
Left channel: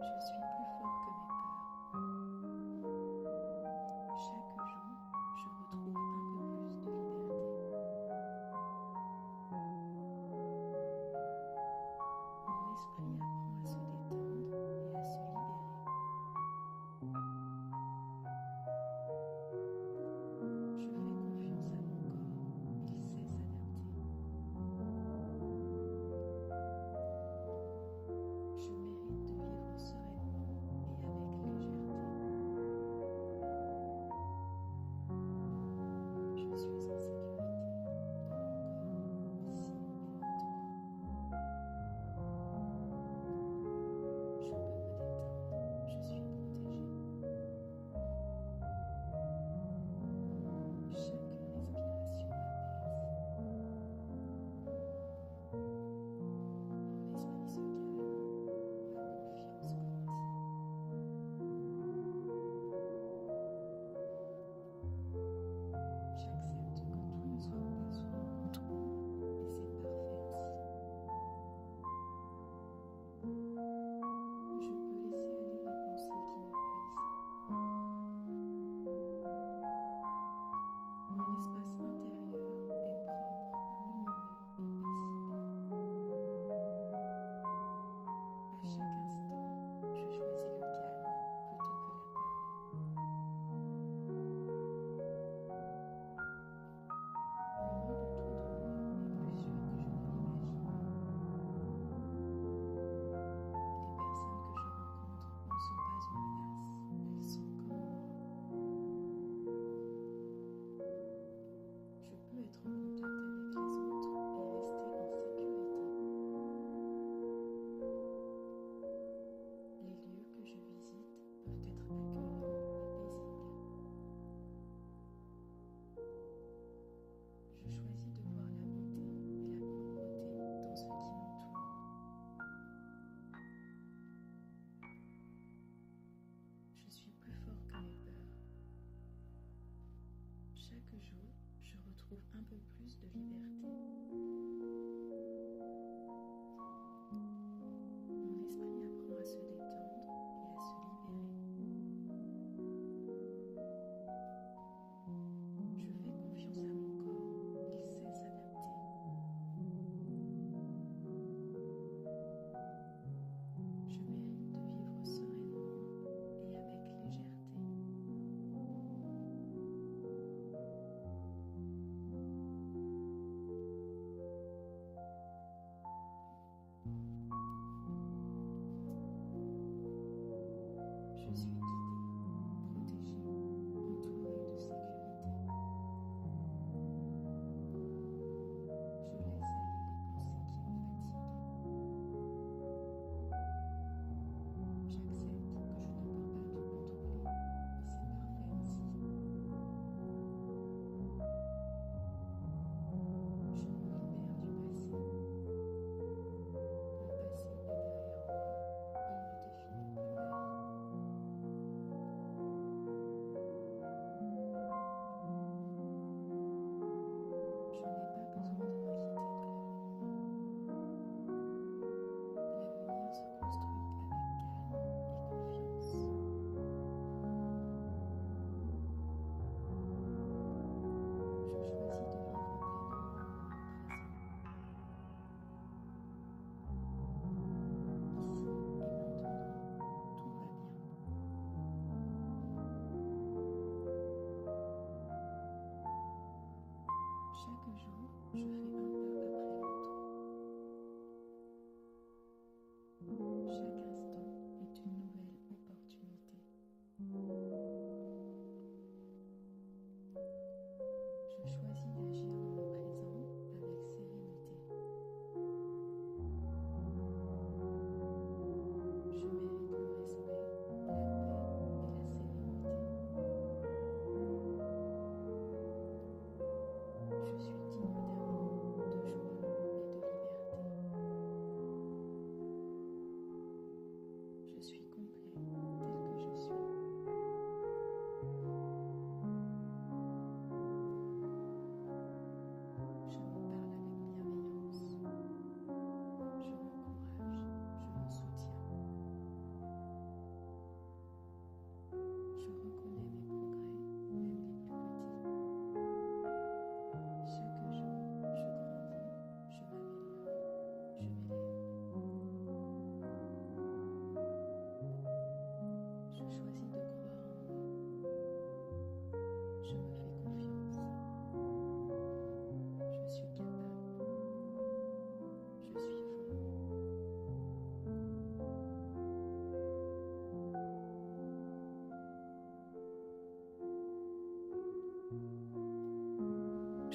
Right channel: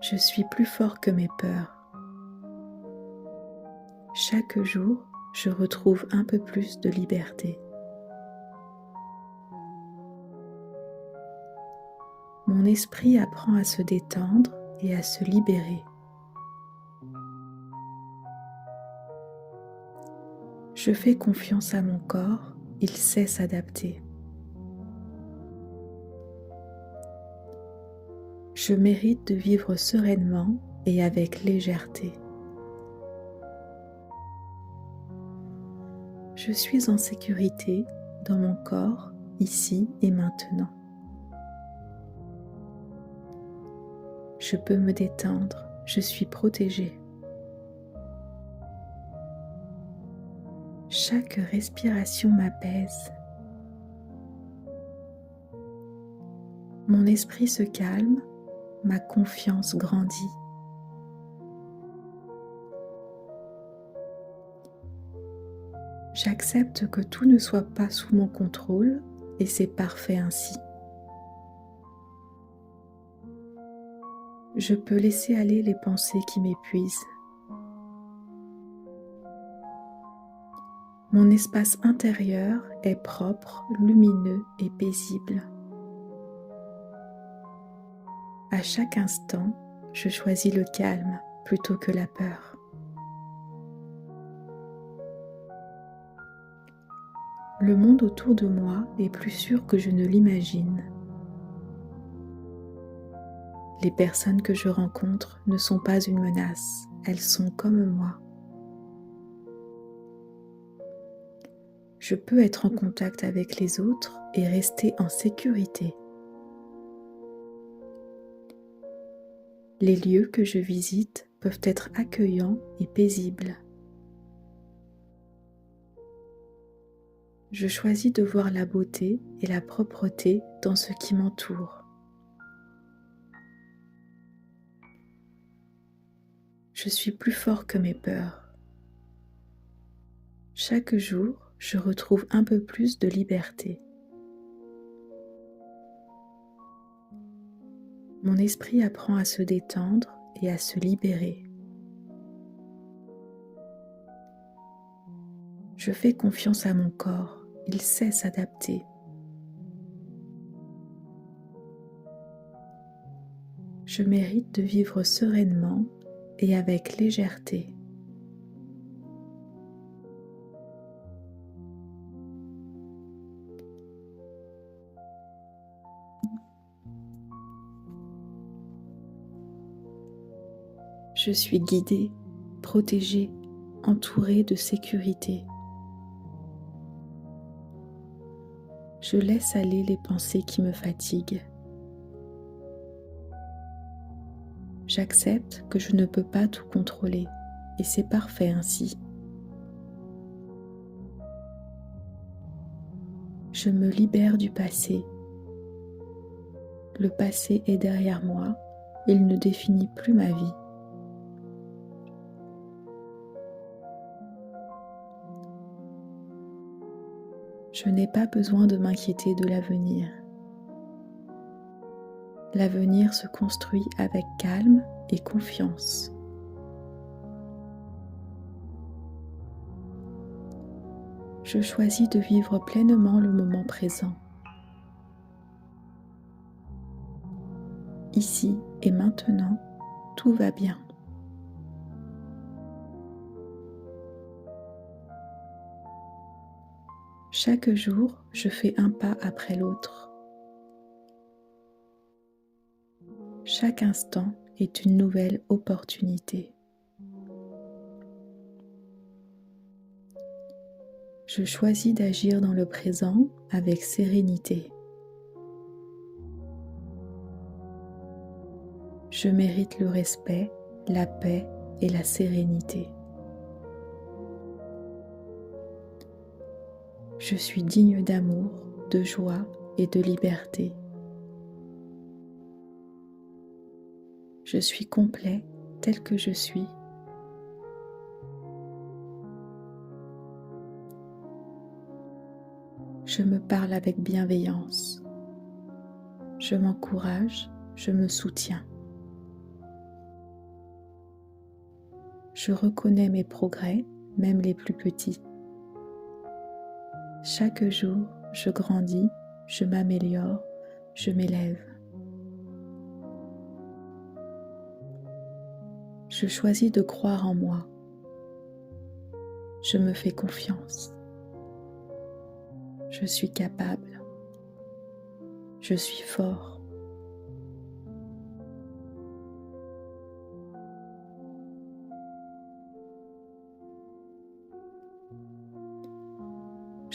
Je suis plus fort que mes peurs. Chaque jour, je retrouve un peu plus de liberté. Mon esprit apprend à se détendre et à se libérer. Je fais confiance à mon corps, il sait s'adapter. Je mérite de vivre sereinement et avec légèreté. Je suis en sécurité dans mon corps, ici et maintenant. Je peux me détendre, je suis protégée. Chaque respiration m'apaise. Mon esprit se calme, ma confiance grandit. J'accepte que tout ne soit pas sous mon contrôle et c'est parfait ainsi. Je peux laisser aller les pensées qui m'épuisent. Mon espace intérieur est propre, lumineux et paisible. À chaque instant, je choisis le calme plutôt que la peur. Le monde autour de moi est plus sûr que je ne l'imagine. Les personnes que je rencontre ne sont pas une menace, elles sont comme moi. Je peux être en contact avec les autres et rester en sécurité. Les lieux que je visite peuvent être accueillants et paisibles. Je choisis de voir la beauté et la propreté dans ce qui m'entoure. Je suis plus fort que mes peurs. Chaque jour, je retrouve un peu plus de liberté. Mon esprit apprend à se détendre et à se libérer. Je fais confiance à mon corps, il sait s'adapter. Je mérite de vivre sereinement et avec légèreté. Je suis guidée, protégée, entourée de sécurité. Je laisse aller les pensées qui me fatiguent. J'accepte que je ne peux pas tout contrôler et c'est parfait ainsi. Je me libère du passé. Le passé est derrière moi, il ne définit plus ma vie. Je n'ai pas besoin de m'inquiéter de l'avenir. L'avenir se construit avec calme et confiance. Je choisis de vivre pleinement le moment présent. Ici et maintenant, tout va bien. Chaque jour, je fais un pas après l'autre. Chaque instant est une nouvelle opportunité. Je choisis d'agir dans le présent avec sérénité. Je mérite le respect, la paix et la sérénité. Je suis digne d'amour, de joie et de liberté. Je suis complet tel que je suis. Je me parle avec bienveillance. Je m'encourage, je me soutiens. Je reconnais mes progrès, même les plus petits. Chaque jour, je grandis, je m'améliore, je m'élève. Je choisis de croire en moi. Je me fais confiance. Je suis capable. Je suis fort.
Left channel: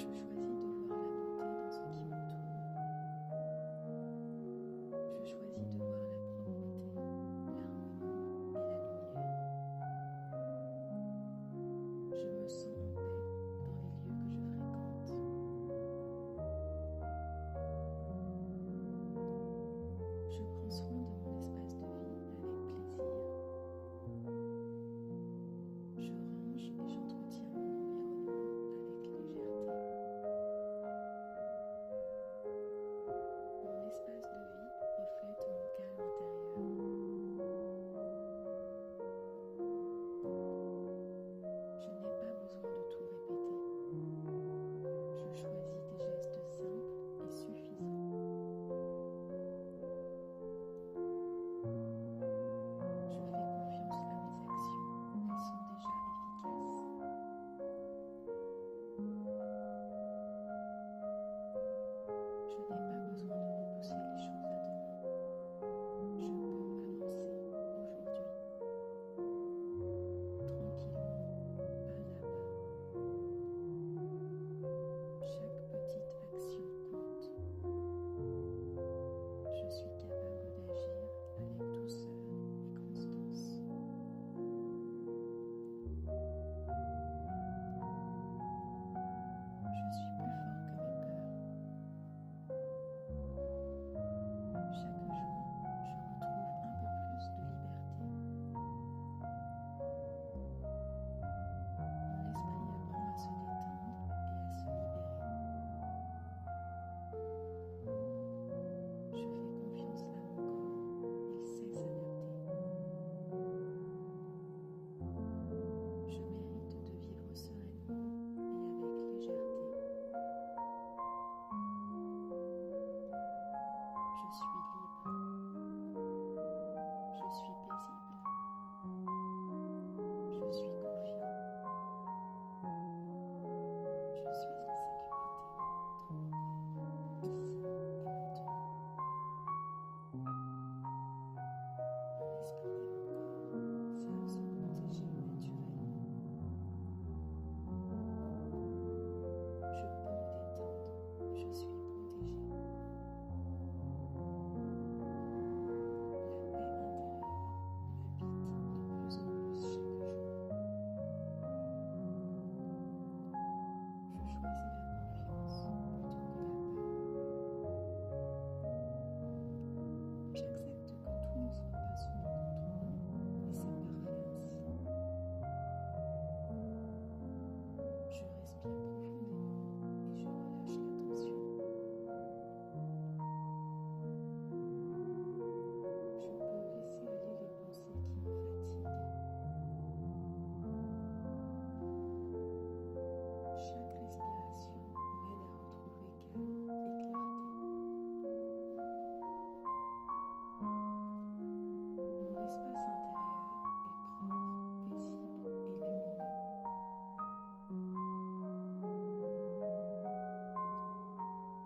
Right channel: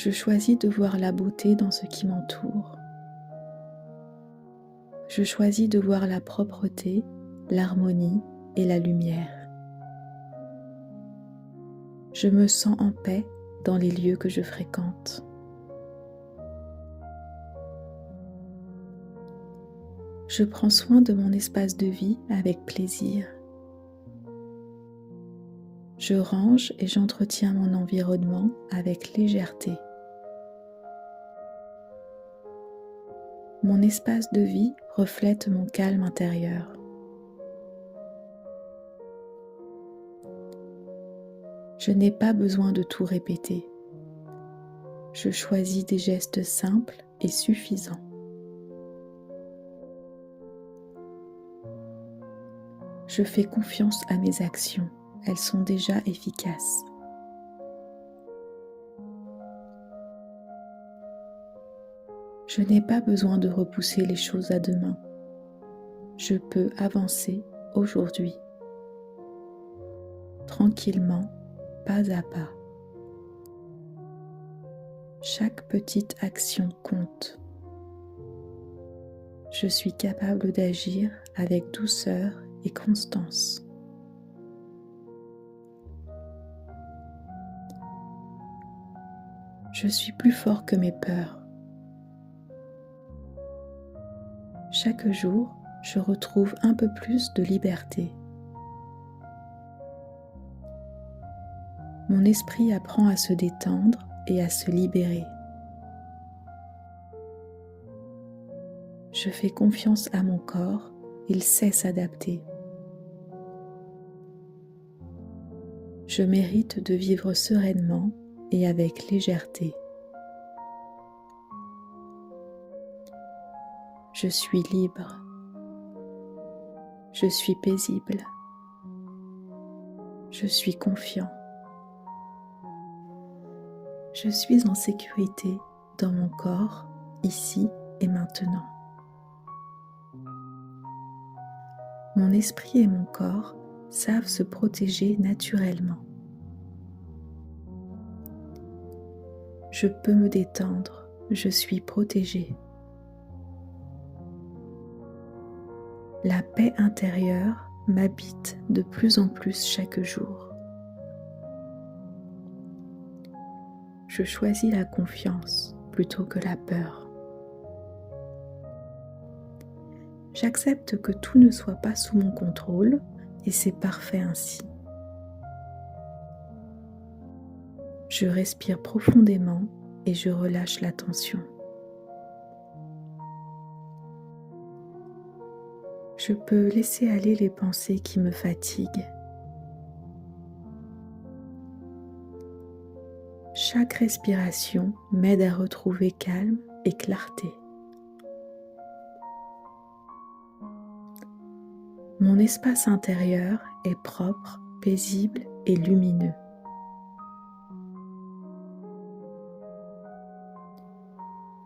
Je choisis de voir la beauté dans ce qui m'entoure. Je choisis de voir la propreté, l'harmonie et la lumière. Je me sens en paix dans les lieux que je fréquente. Je prends soin de mon espace de vie avec plaisir. Je range et j'entretiens mon environnement avec légèreté. Mon espace de vie reflète mon calme intérieur. Je n'ai pas besoin de tout répéter. Je choisis des gestes simples et suffisants. Je fais confiance à mes actions, elles sont déjà efficaces. Je n'ai pas besoin de repousser les choses à demain. Je peux avancer aujourd'hui, tranquillement, pas à pas. Chaque petite action compte. Je suis capable d'agir avec douceur et constance. Je suis plus fort que mes peurs. Chaque jour, je retrouve un peu plus de liberté. Mon esprit apprend à se détendre et à se libérer. Je fais confiance à mon corps, il sait s'adapter. Je mérite de vivre sereinement et avec légèreté. Je suis libre. Je suis paisible. Je suis confiant. Je suis en sécurité dans mon corps, ici et maintenant. Mon esprit et mon corps savent se protéger naturellement. Je peux me détendre, je suis protégée. La paix intérieure m'habite de plus en plus chaque jour. Je choisis la confiance plutôt que la peur. J'accepte que tout ne soit pas sous mon contrôle et c'est parfait ainsi. Je respire profondément et je relâche la tension. Je peux laisser aller les pensées qui me fatiguent. Chaque respiration m'aide à retrouver calme et clarté. Mon espace intérieur est propre, paisible et lumineux.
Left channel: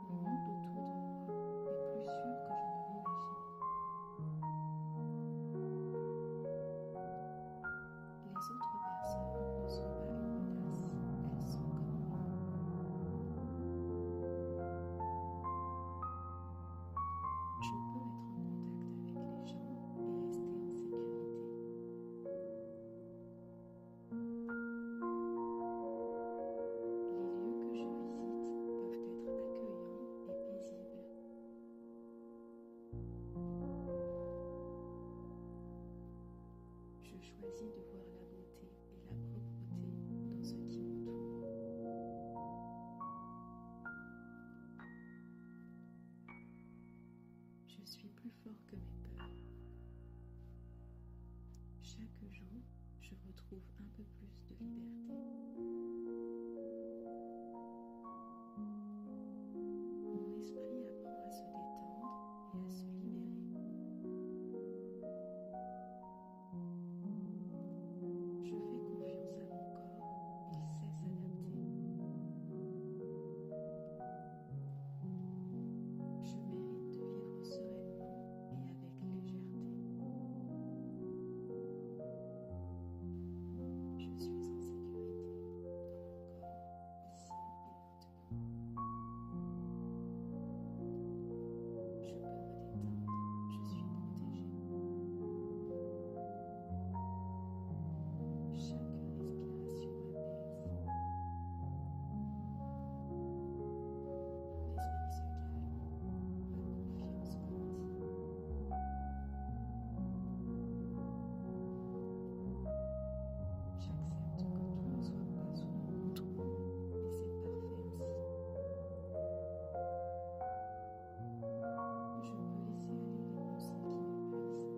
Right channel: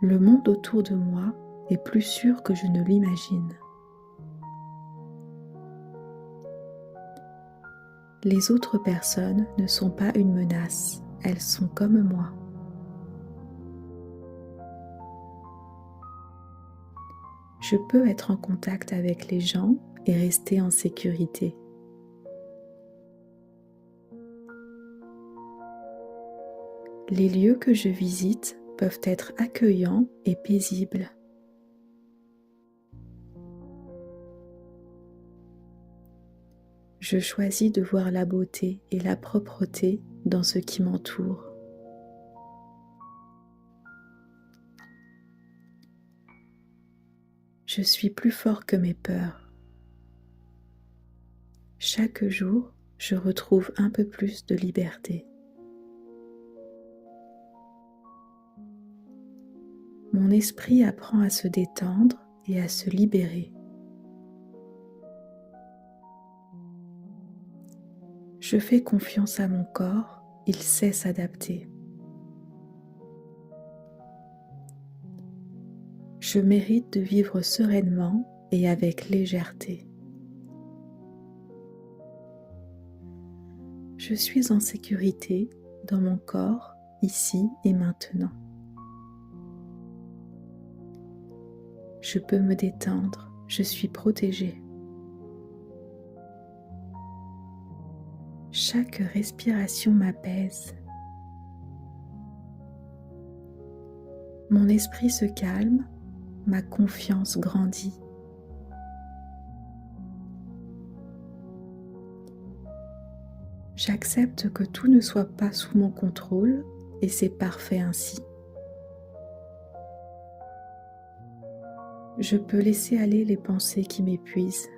Le monde autour de moi est plus sûr que je ne l'imagine. Les autres personnes ne sont pas une menace, elles sont comme moi. Je peux être en contact avec les gens et rester en sécurité. Les lieux que je visite peuvent être accueillants et paisibles. Je choisis de voir la beauté et la propreté dans ce qui m'entoure. Je suis plus fort que mes peurs. Chaque jour, je retrouve un peu plus de liberté. Mon esprit apprend à se détendre et à se libérer. Je fais confiance à mon corps, il sait s'adapter. Je mérite de vivre sereinement et avec légèreté. Je suis en sécurité dans mon corps, ici et maintenant. Je peux me détendre, je suis protégée. Chaque respiration m'apaise. Mon esprit se calme, ma confiance grandit. J'accepte que tout ne soit pas sous mon contrôle et c'est parfait ainsi. Je peux laisser aller les pensées qui m'épuisent.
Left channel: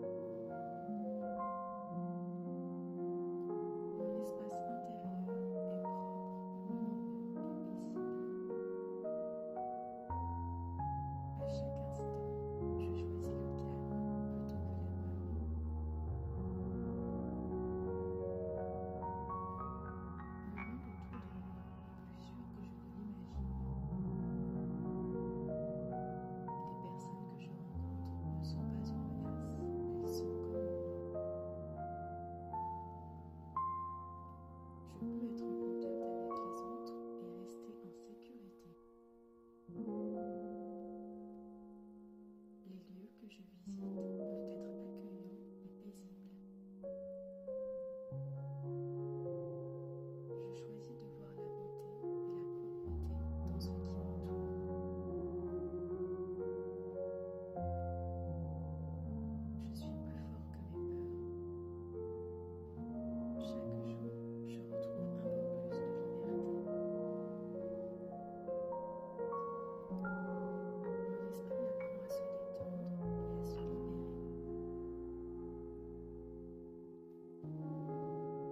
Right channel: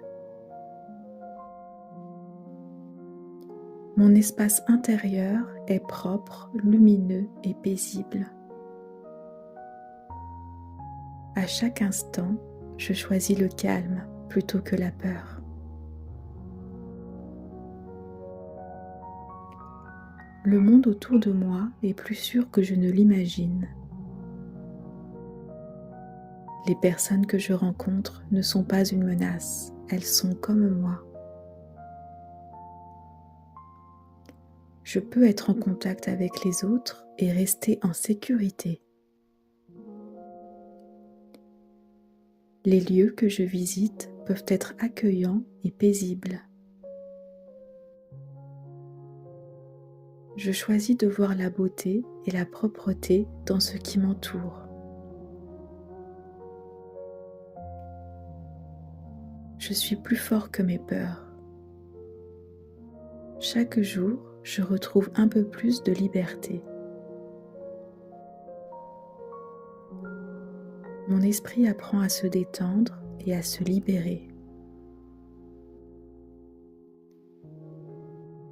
Mon espace intérieur est propre, lumineux et paisible. À chaque instant, je choisis le calme plutôt que la peur. Le monde autour de moi est plus sûr que je ne l'imagine. Les personnes que je rencontre ne sont pas une menace, elles sont comme moi. Je peux être en contact avec les autres et rester en sécurité. Les lieux que je visite peuvent être accueillants et paisibles. Je choisis de voir la beauté et la propreté dans ce qui m'entoure. Je suis plus fort que mes peurs. Chaque jour, je retrouve un peu plus de liberté. Mon esprit apprend à se détendre et à se libérer.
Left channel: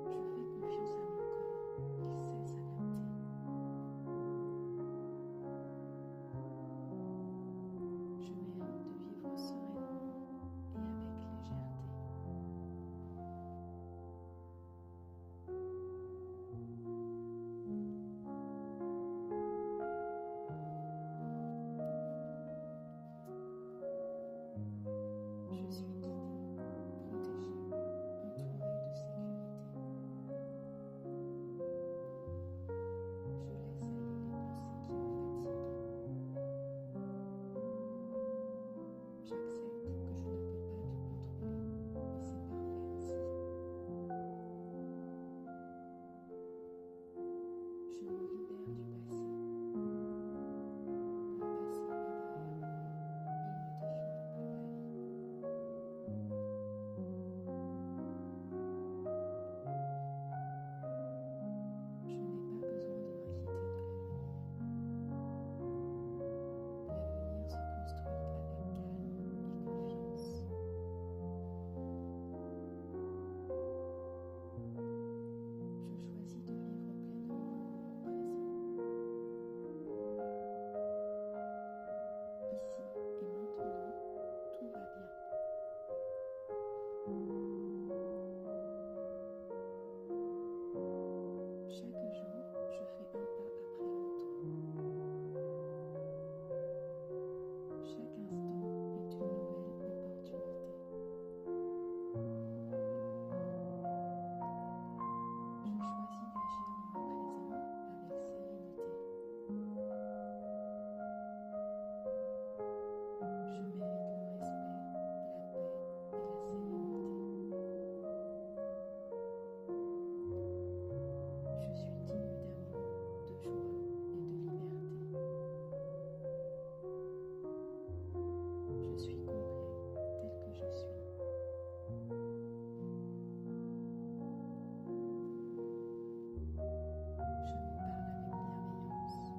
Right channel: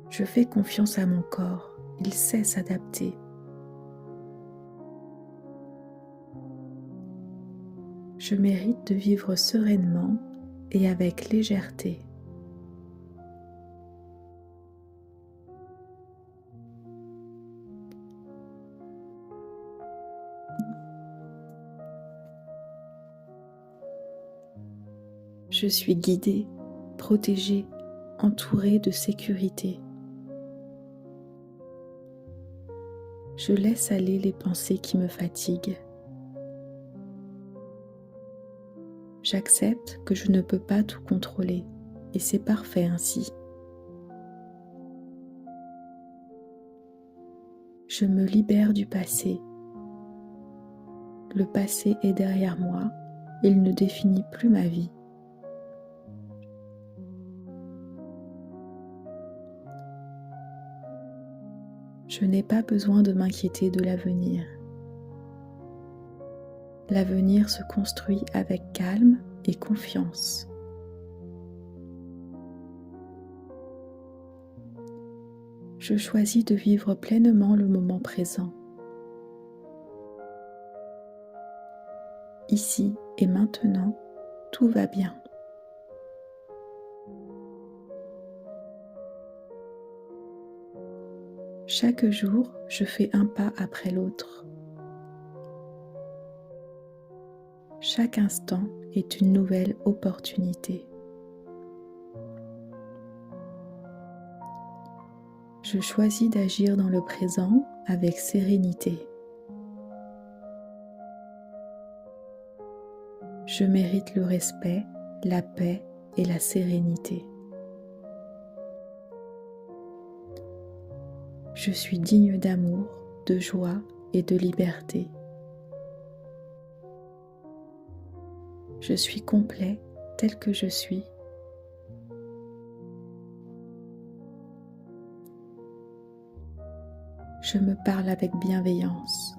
Je fais confiance à mon corps, il sait s'adapter. Je mérite de vivre sereinement et avec légèreté. Je suis guidée, protégée, entourée de sécurité. Je laisse aller les pensées qui me fatiguent. J'accepte que je ne peux pas tout contrôler et c'est parfait ainsi. Je me libère du passé. Le passé est derrière moi, il ne définit plus ma vie. Je n'ai pas besoin de m'inquiéter de l'avenir. L'avenir se construit avec calme et confiance. Je choisis de vivre pleinement le moment présent. Ici et maintenant, tout va bien. Chaque jour, je fais un pas après l'autre. Chaque instant est une nouvelle opportunité. Je choisis d'agir dans le présent avec sérénité. Je mérite le respect, la paix et la sérénité. Je suis digne d'amour, de joie et de liberté. Je suis complet tel que je suis. Je me parle avec bienveillance.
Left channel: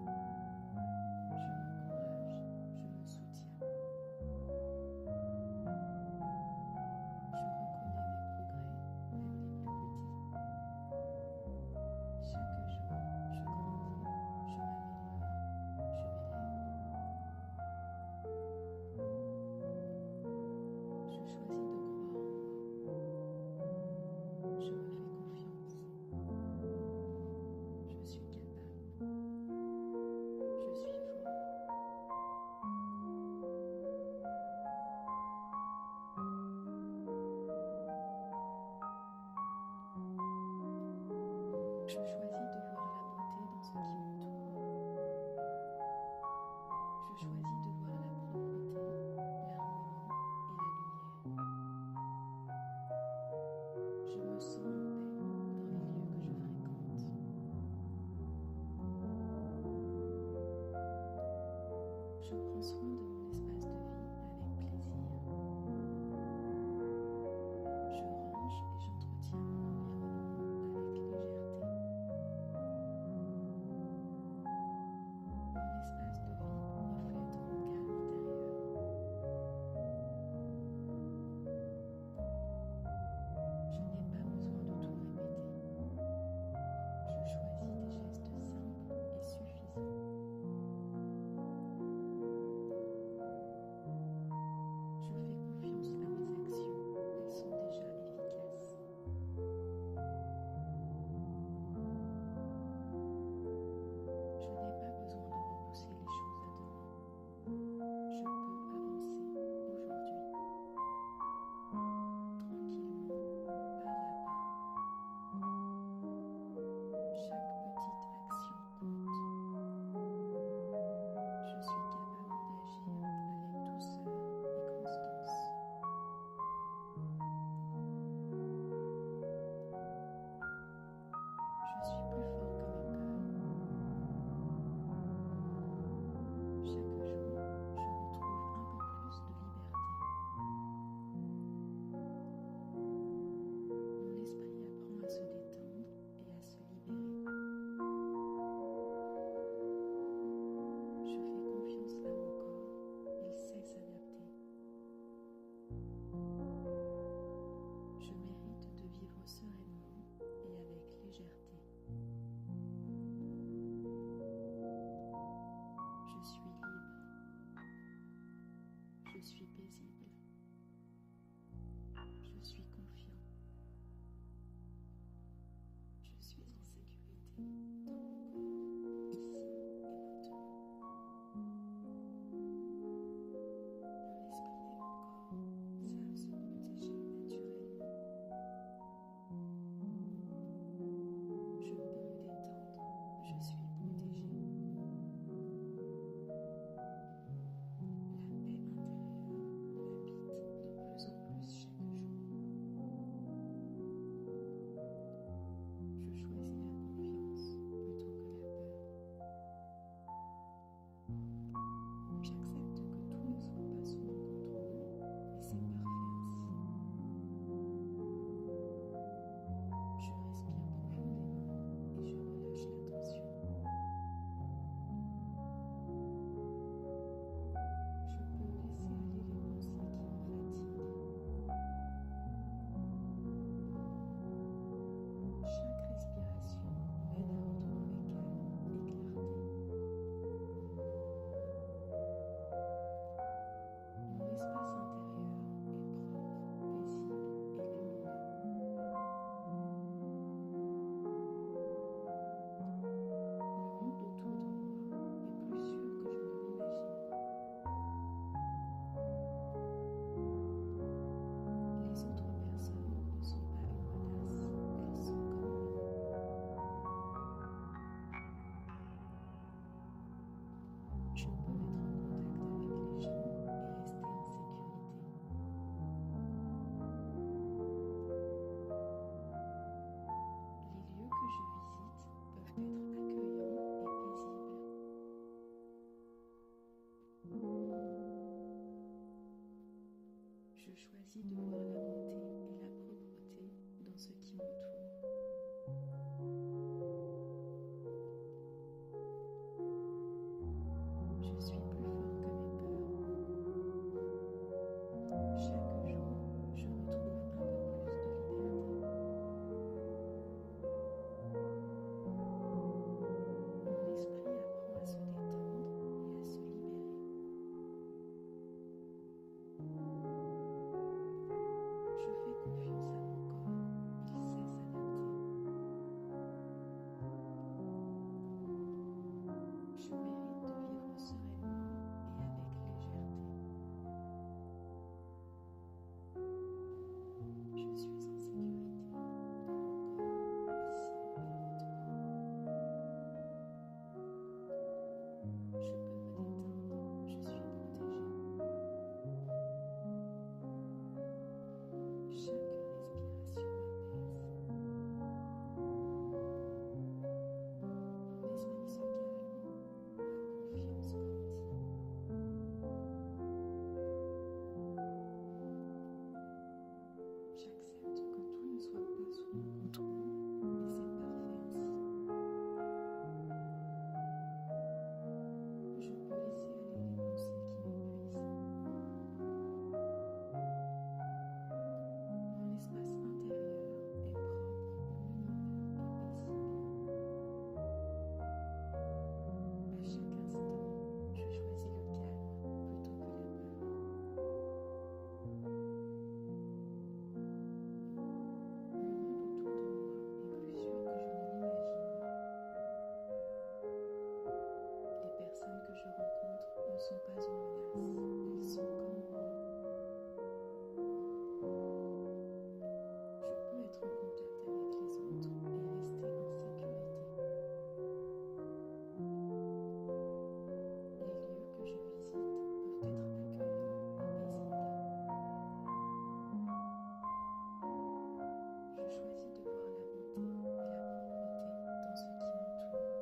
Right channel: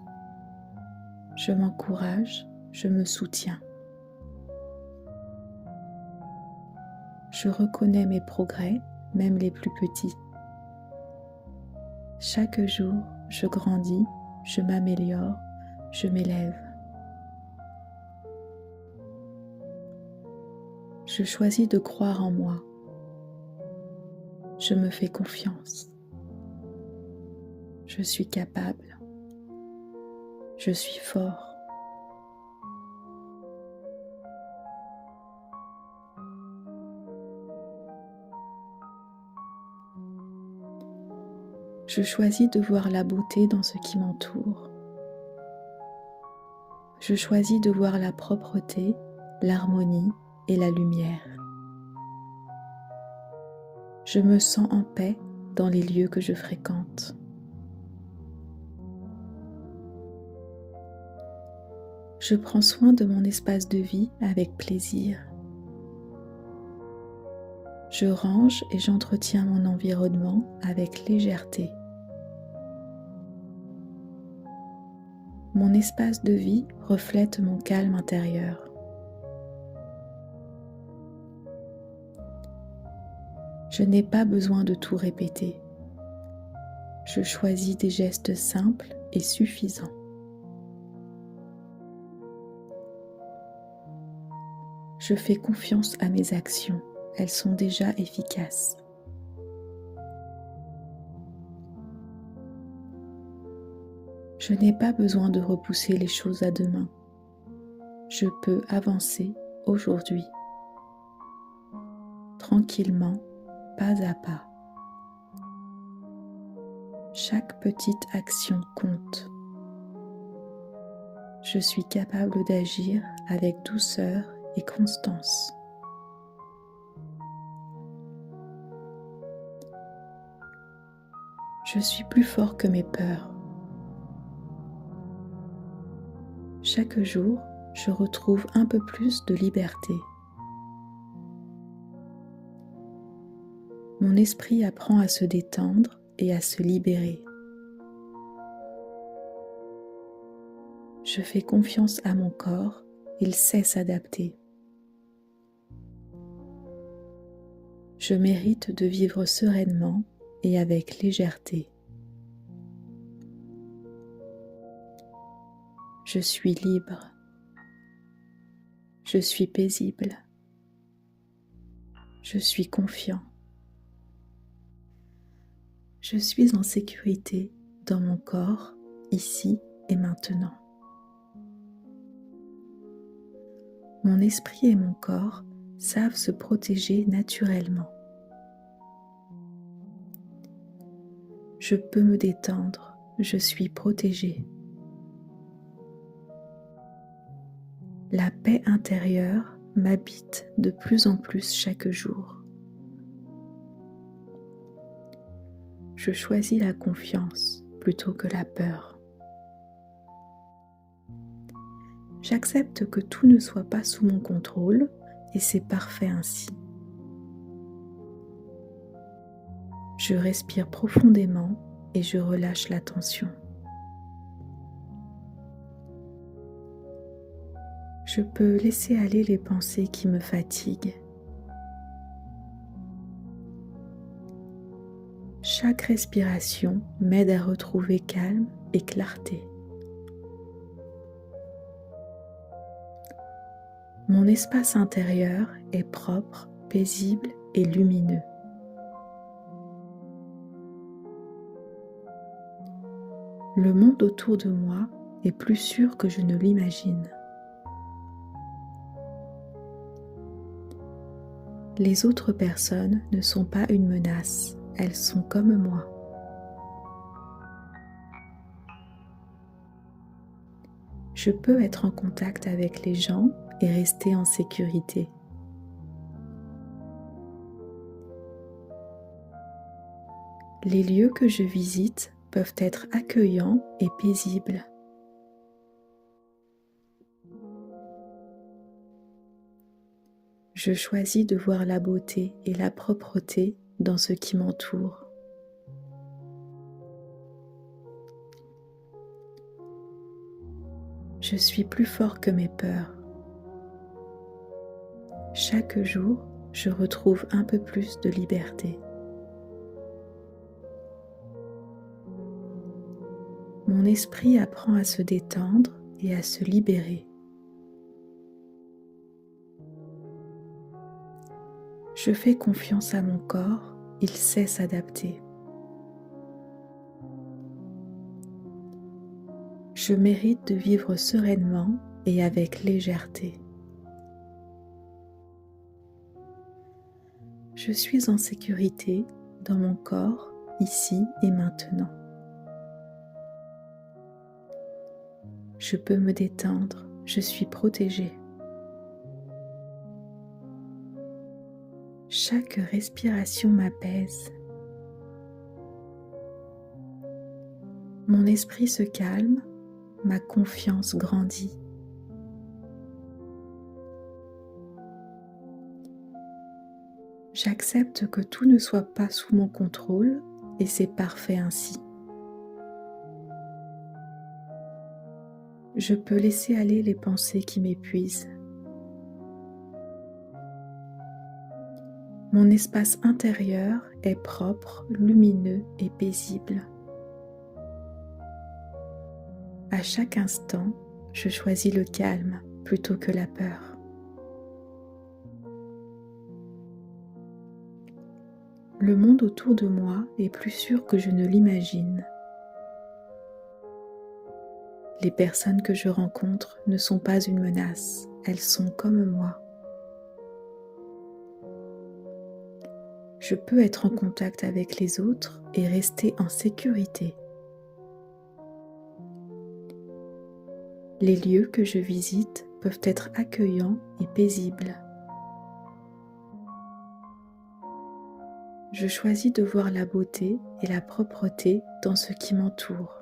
Je m'encourage, je me soutiens. Je reconnais mes progrès, même les plus petits. Chaque jour, je grandis, je m'améliore, je m'élève. Je choisis de croire en moi. Je me fais confiance. Je suis capable. Je suis fort. Je choisis de voir la beauté dans ce qui m'entoure. Je choisis de voir la propreté, l'harmonie et la lumière. Je me sens en paix dans les lieux que je fréquente. Je prends soin de mon espace de vie avec plaisir. Je range et j'entretiens mon environnement avec légèreté. Mon espace de vie reflète mon calme intérieur. Je n'ai pas besoin de tout répéter. Je choisis des gestes simples et suffisants. Je fais confiance à mes actions, elles sont déjà efficaces. Je n'ai pas besoin de repousser les choses à demain. Je peux avancer aujourd'hui, tranquillement, pas à pas. Chaque petite action compte. Je suis capable d'agir avec douceur et constance. Je suis plus fort que mes peurs. Chaque jour, je retrouve un peu plus de liberté. Mon esprit apprend à se détendre et à se libérer. Je fais confiance à mon corps, il sait s'adapter. Je mérite de vivre sereinement et avec légèreté. Je suis libre. Je suis paisible. Je suis confiant. Je suis en sécurité dans mon corps, ici et maintenant. Mon esprit et mon corps savent se protéger naturellement. Je peux me détendre, je suis protégée. La paix intérieure m'habite de plus en plus chaque jour. Je choisis la confiance plutôt que la peur. J'accepte que tout ne soit pas sous mon contrôle et c'est parfait ainsi. Je respire profondément et je relâche la tension. Je peux laisser aller les pensées qui me fatiguent. Chaque respiration m'aide à retrouver calme et clarté. Mon espace intérieur est propre, paisible et lumineux. Le monde autour de moi est plus sûr que je ne l'imagine. Les autres personnes ne sont pas une menace, elles sont comme moi. Je peux être en contact avec les gens et rester en sécurité. Les lieux que je visite peuvent être accueillants et paisibles. Je choisis de voir la beauté et la propreté dans ce qui m'entoure. Je suis plus fort que mes peurs. Chaque jour, je retrouve un peu plus de liberté. Mon esprit apprend à se détendre et à se libérer. Je fais confiance à mon corps, il sait s'adapter. Je mérite de vivre sereinement et avec légèreté. Je suis en sécurité dans mon corps, ici et maintenant. Je peux me détendre, je suis protégée. Chaque respiration m'apaise. Mon esprit se calme, ma confiance grandit. J'accepte que tout ne soit pas sous mon contrôle et c'est parfait ainsi. Je peux laisser aller les pensées qui m'épuisent. Mon espace intérieur est propre, lumineux et paisible. À chaque instant, je choisis le calme plutôt que la peur. Le monde autour de moi est plus sûr que je ne l'imagine. Les personnes que je rencontre ne sont pas une menace, elles sont comme moi. Je peux être en contact avec les autres et rester en sécurité. Les lieux que je visite peuvent être accueillants et paisibles. Je choisis de voir la beauté et la propreté dans ce qui m'entoure.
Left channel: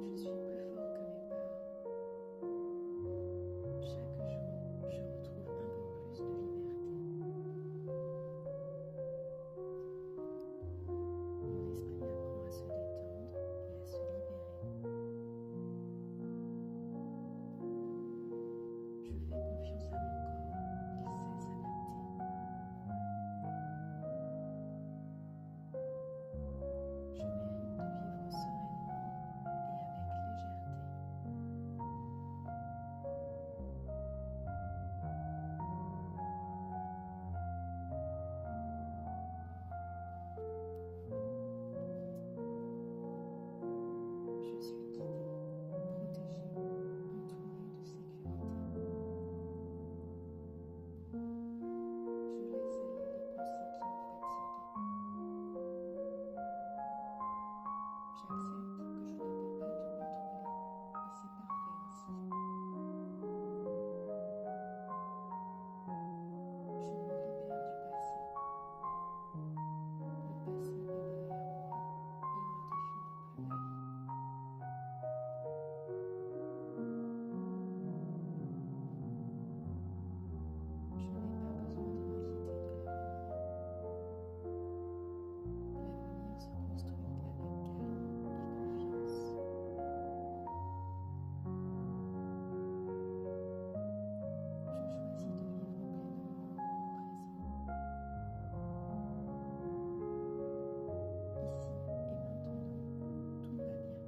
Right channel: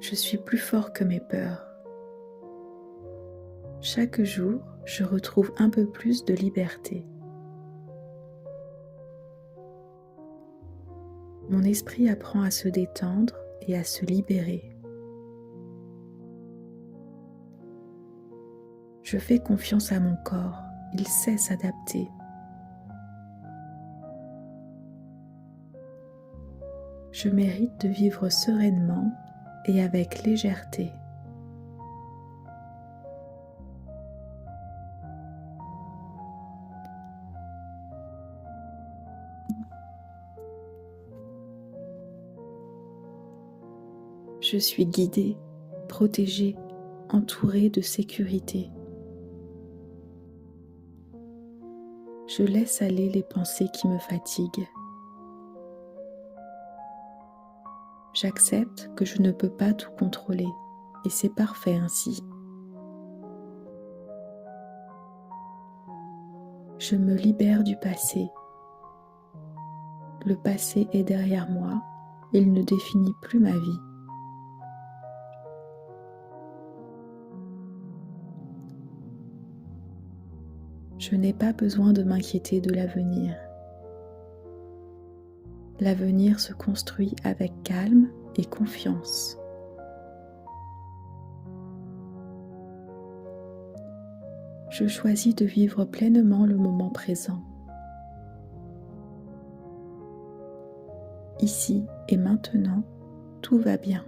Je suis plus fort que mes peurs. Chaque jour, je retrouve un peu plus de liberté. Mon esprit apprend à se détendre et à se libérer. Je fais confiance à mon corps, il sait s'adapter. Je mérite de vivre sereinement et avec légèreté. Je suis guidée, protégée, entourée de sécurité. Je laisse aller les pensées qui me fatiguent. J'accepte que je ne peux pas tout contrôler et c'est parfait ainsi. Je me libère du passé. Le passé est derrière moi, il ne définit plus ma vie. Je n'ai pas besoin de m'inquiéter de l'avenir. L'avenir se construit avec calme et confiance. Je choisis de vivre pleinement le moment présent. Ici et maintenant, tout va bien.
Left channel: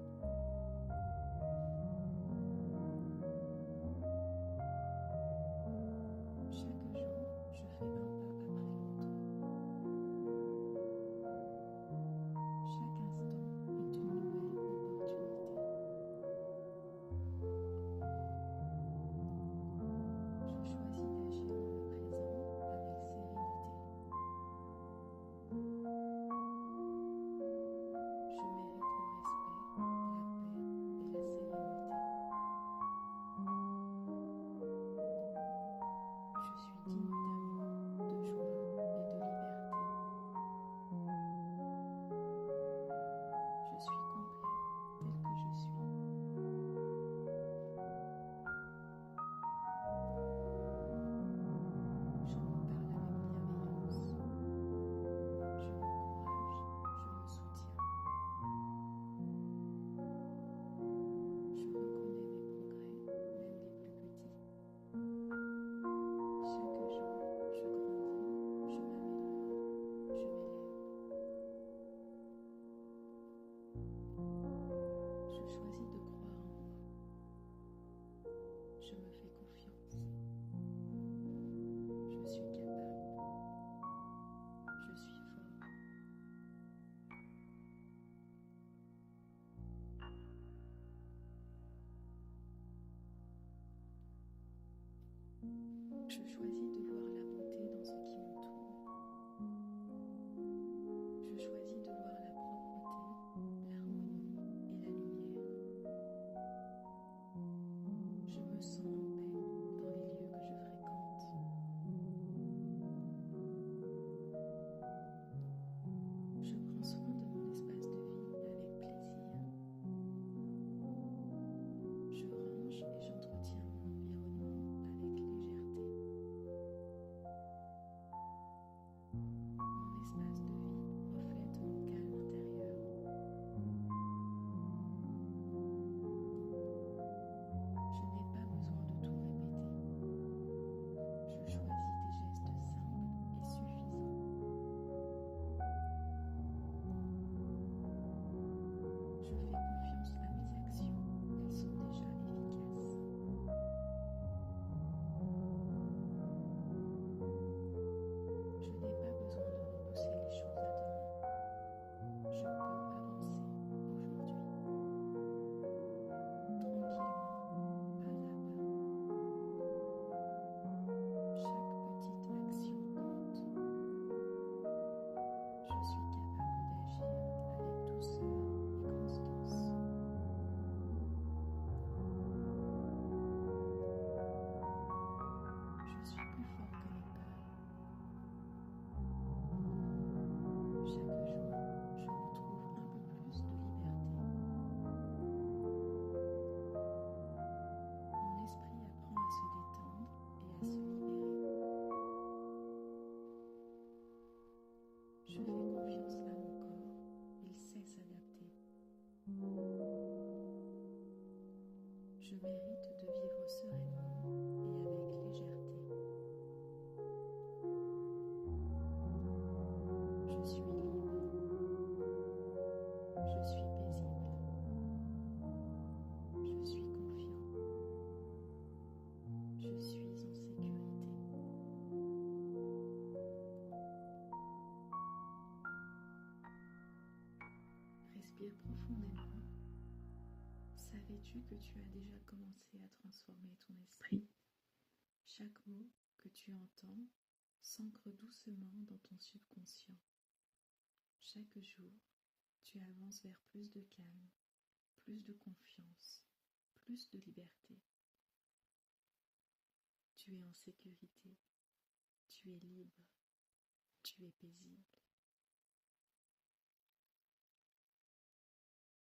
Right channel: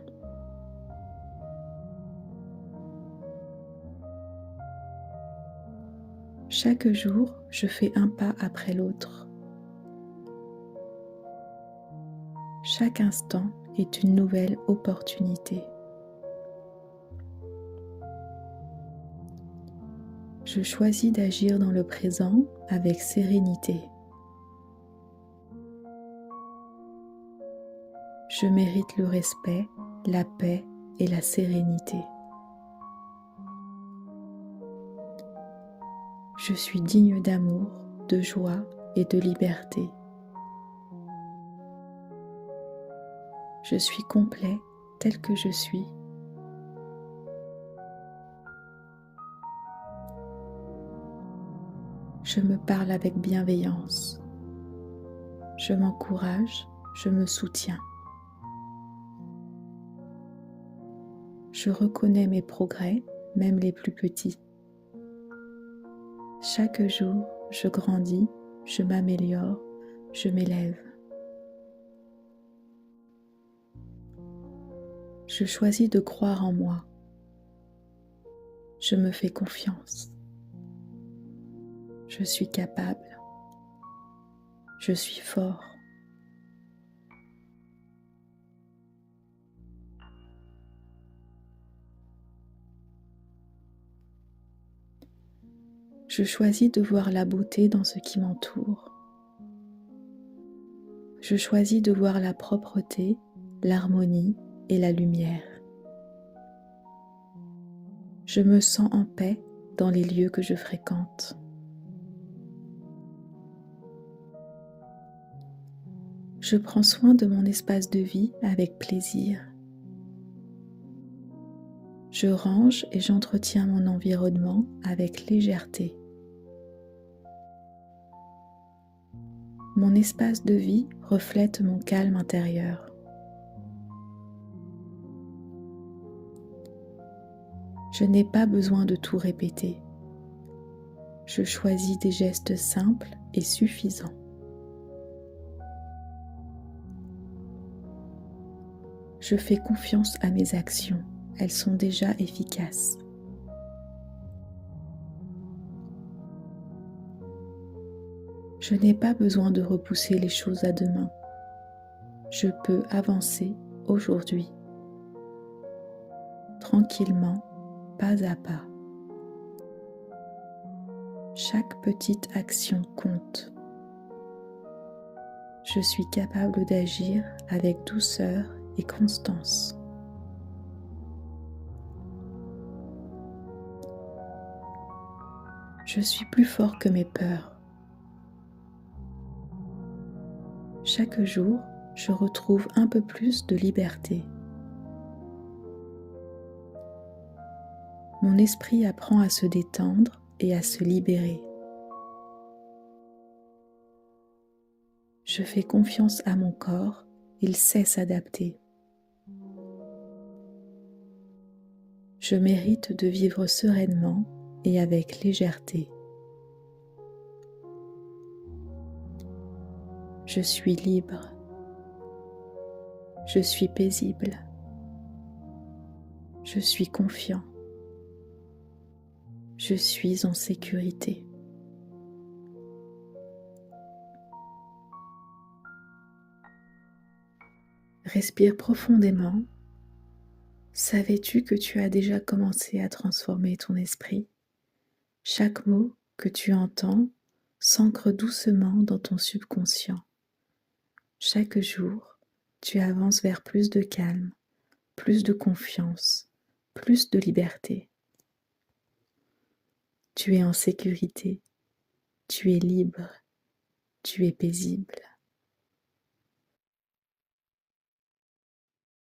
Chaque jour, je fais un pas après l'autre. Chaque instant est une nouvelle opportunité. Je choisis d'agir dans le présent avec sérénité. Je mérite le respect, la paix et la sérénité. Je suis digne d'amour, de joie et de liberté. Je suis complet tel que je suis. Je me parle avec bienveillance. Je m'encourage, je me soutiens. Je reconnais mes progrès, même les plus petits. Chaque jour, je grandis, je m'améliore, je m'élève. Je choisis de croire en moi. Je me fais confiance. Je suis capable. Je suis fort. Je choisis de voir la beauté dans ce qui m'entoure. Je choisis de voir la propreté, l'harmonie et la lumière. Je me sens en paix dans les lieux que je fréquente. Je prends soin de mon espace de vie avec plaisir. Je range et j'entretiens mon environnement avec légèreté. Mon espace de vie reflète mon calme intérieur. Je n'ai pas besoin de tout répéter. Je choisis des gestes simples et suffisants. Je fais confiance à mes actions, elles sont déjà efficaces. Je n'ai pas besoin de repousser les choses à demain. Je peux avancer aujourd'hui, tranquillement, pas à pas. Chaque petite action compte. Je suis capable d'agir avec douceur et constance. Je suis plus fort que mes peurs. Chaque jour, je retrouve un peu plus de liberté. Mon esprit apprend à se détendre et à se libérer. Je fais confiance à mon corps, il sait s'adapter. Je mérite de vivre sereinement et avec légèreté. Je suis libre. Je suis paisible. Je suis confiant. Je suis en sécurité. Respire profondément. Savais-tu que tu as déjà commencé à transformer ton esprit? Chaque mot que tu entends s'ancre doucement dans ton subconscient. Chaque jour, tu avances vers plus de calme, plus de confiance, plus de liberté. Tu es en sécurité, tu es libre, tu es paisible.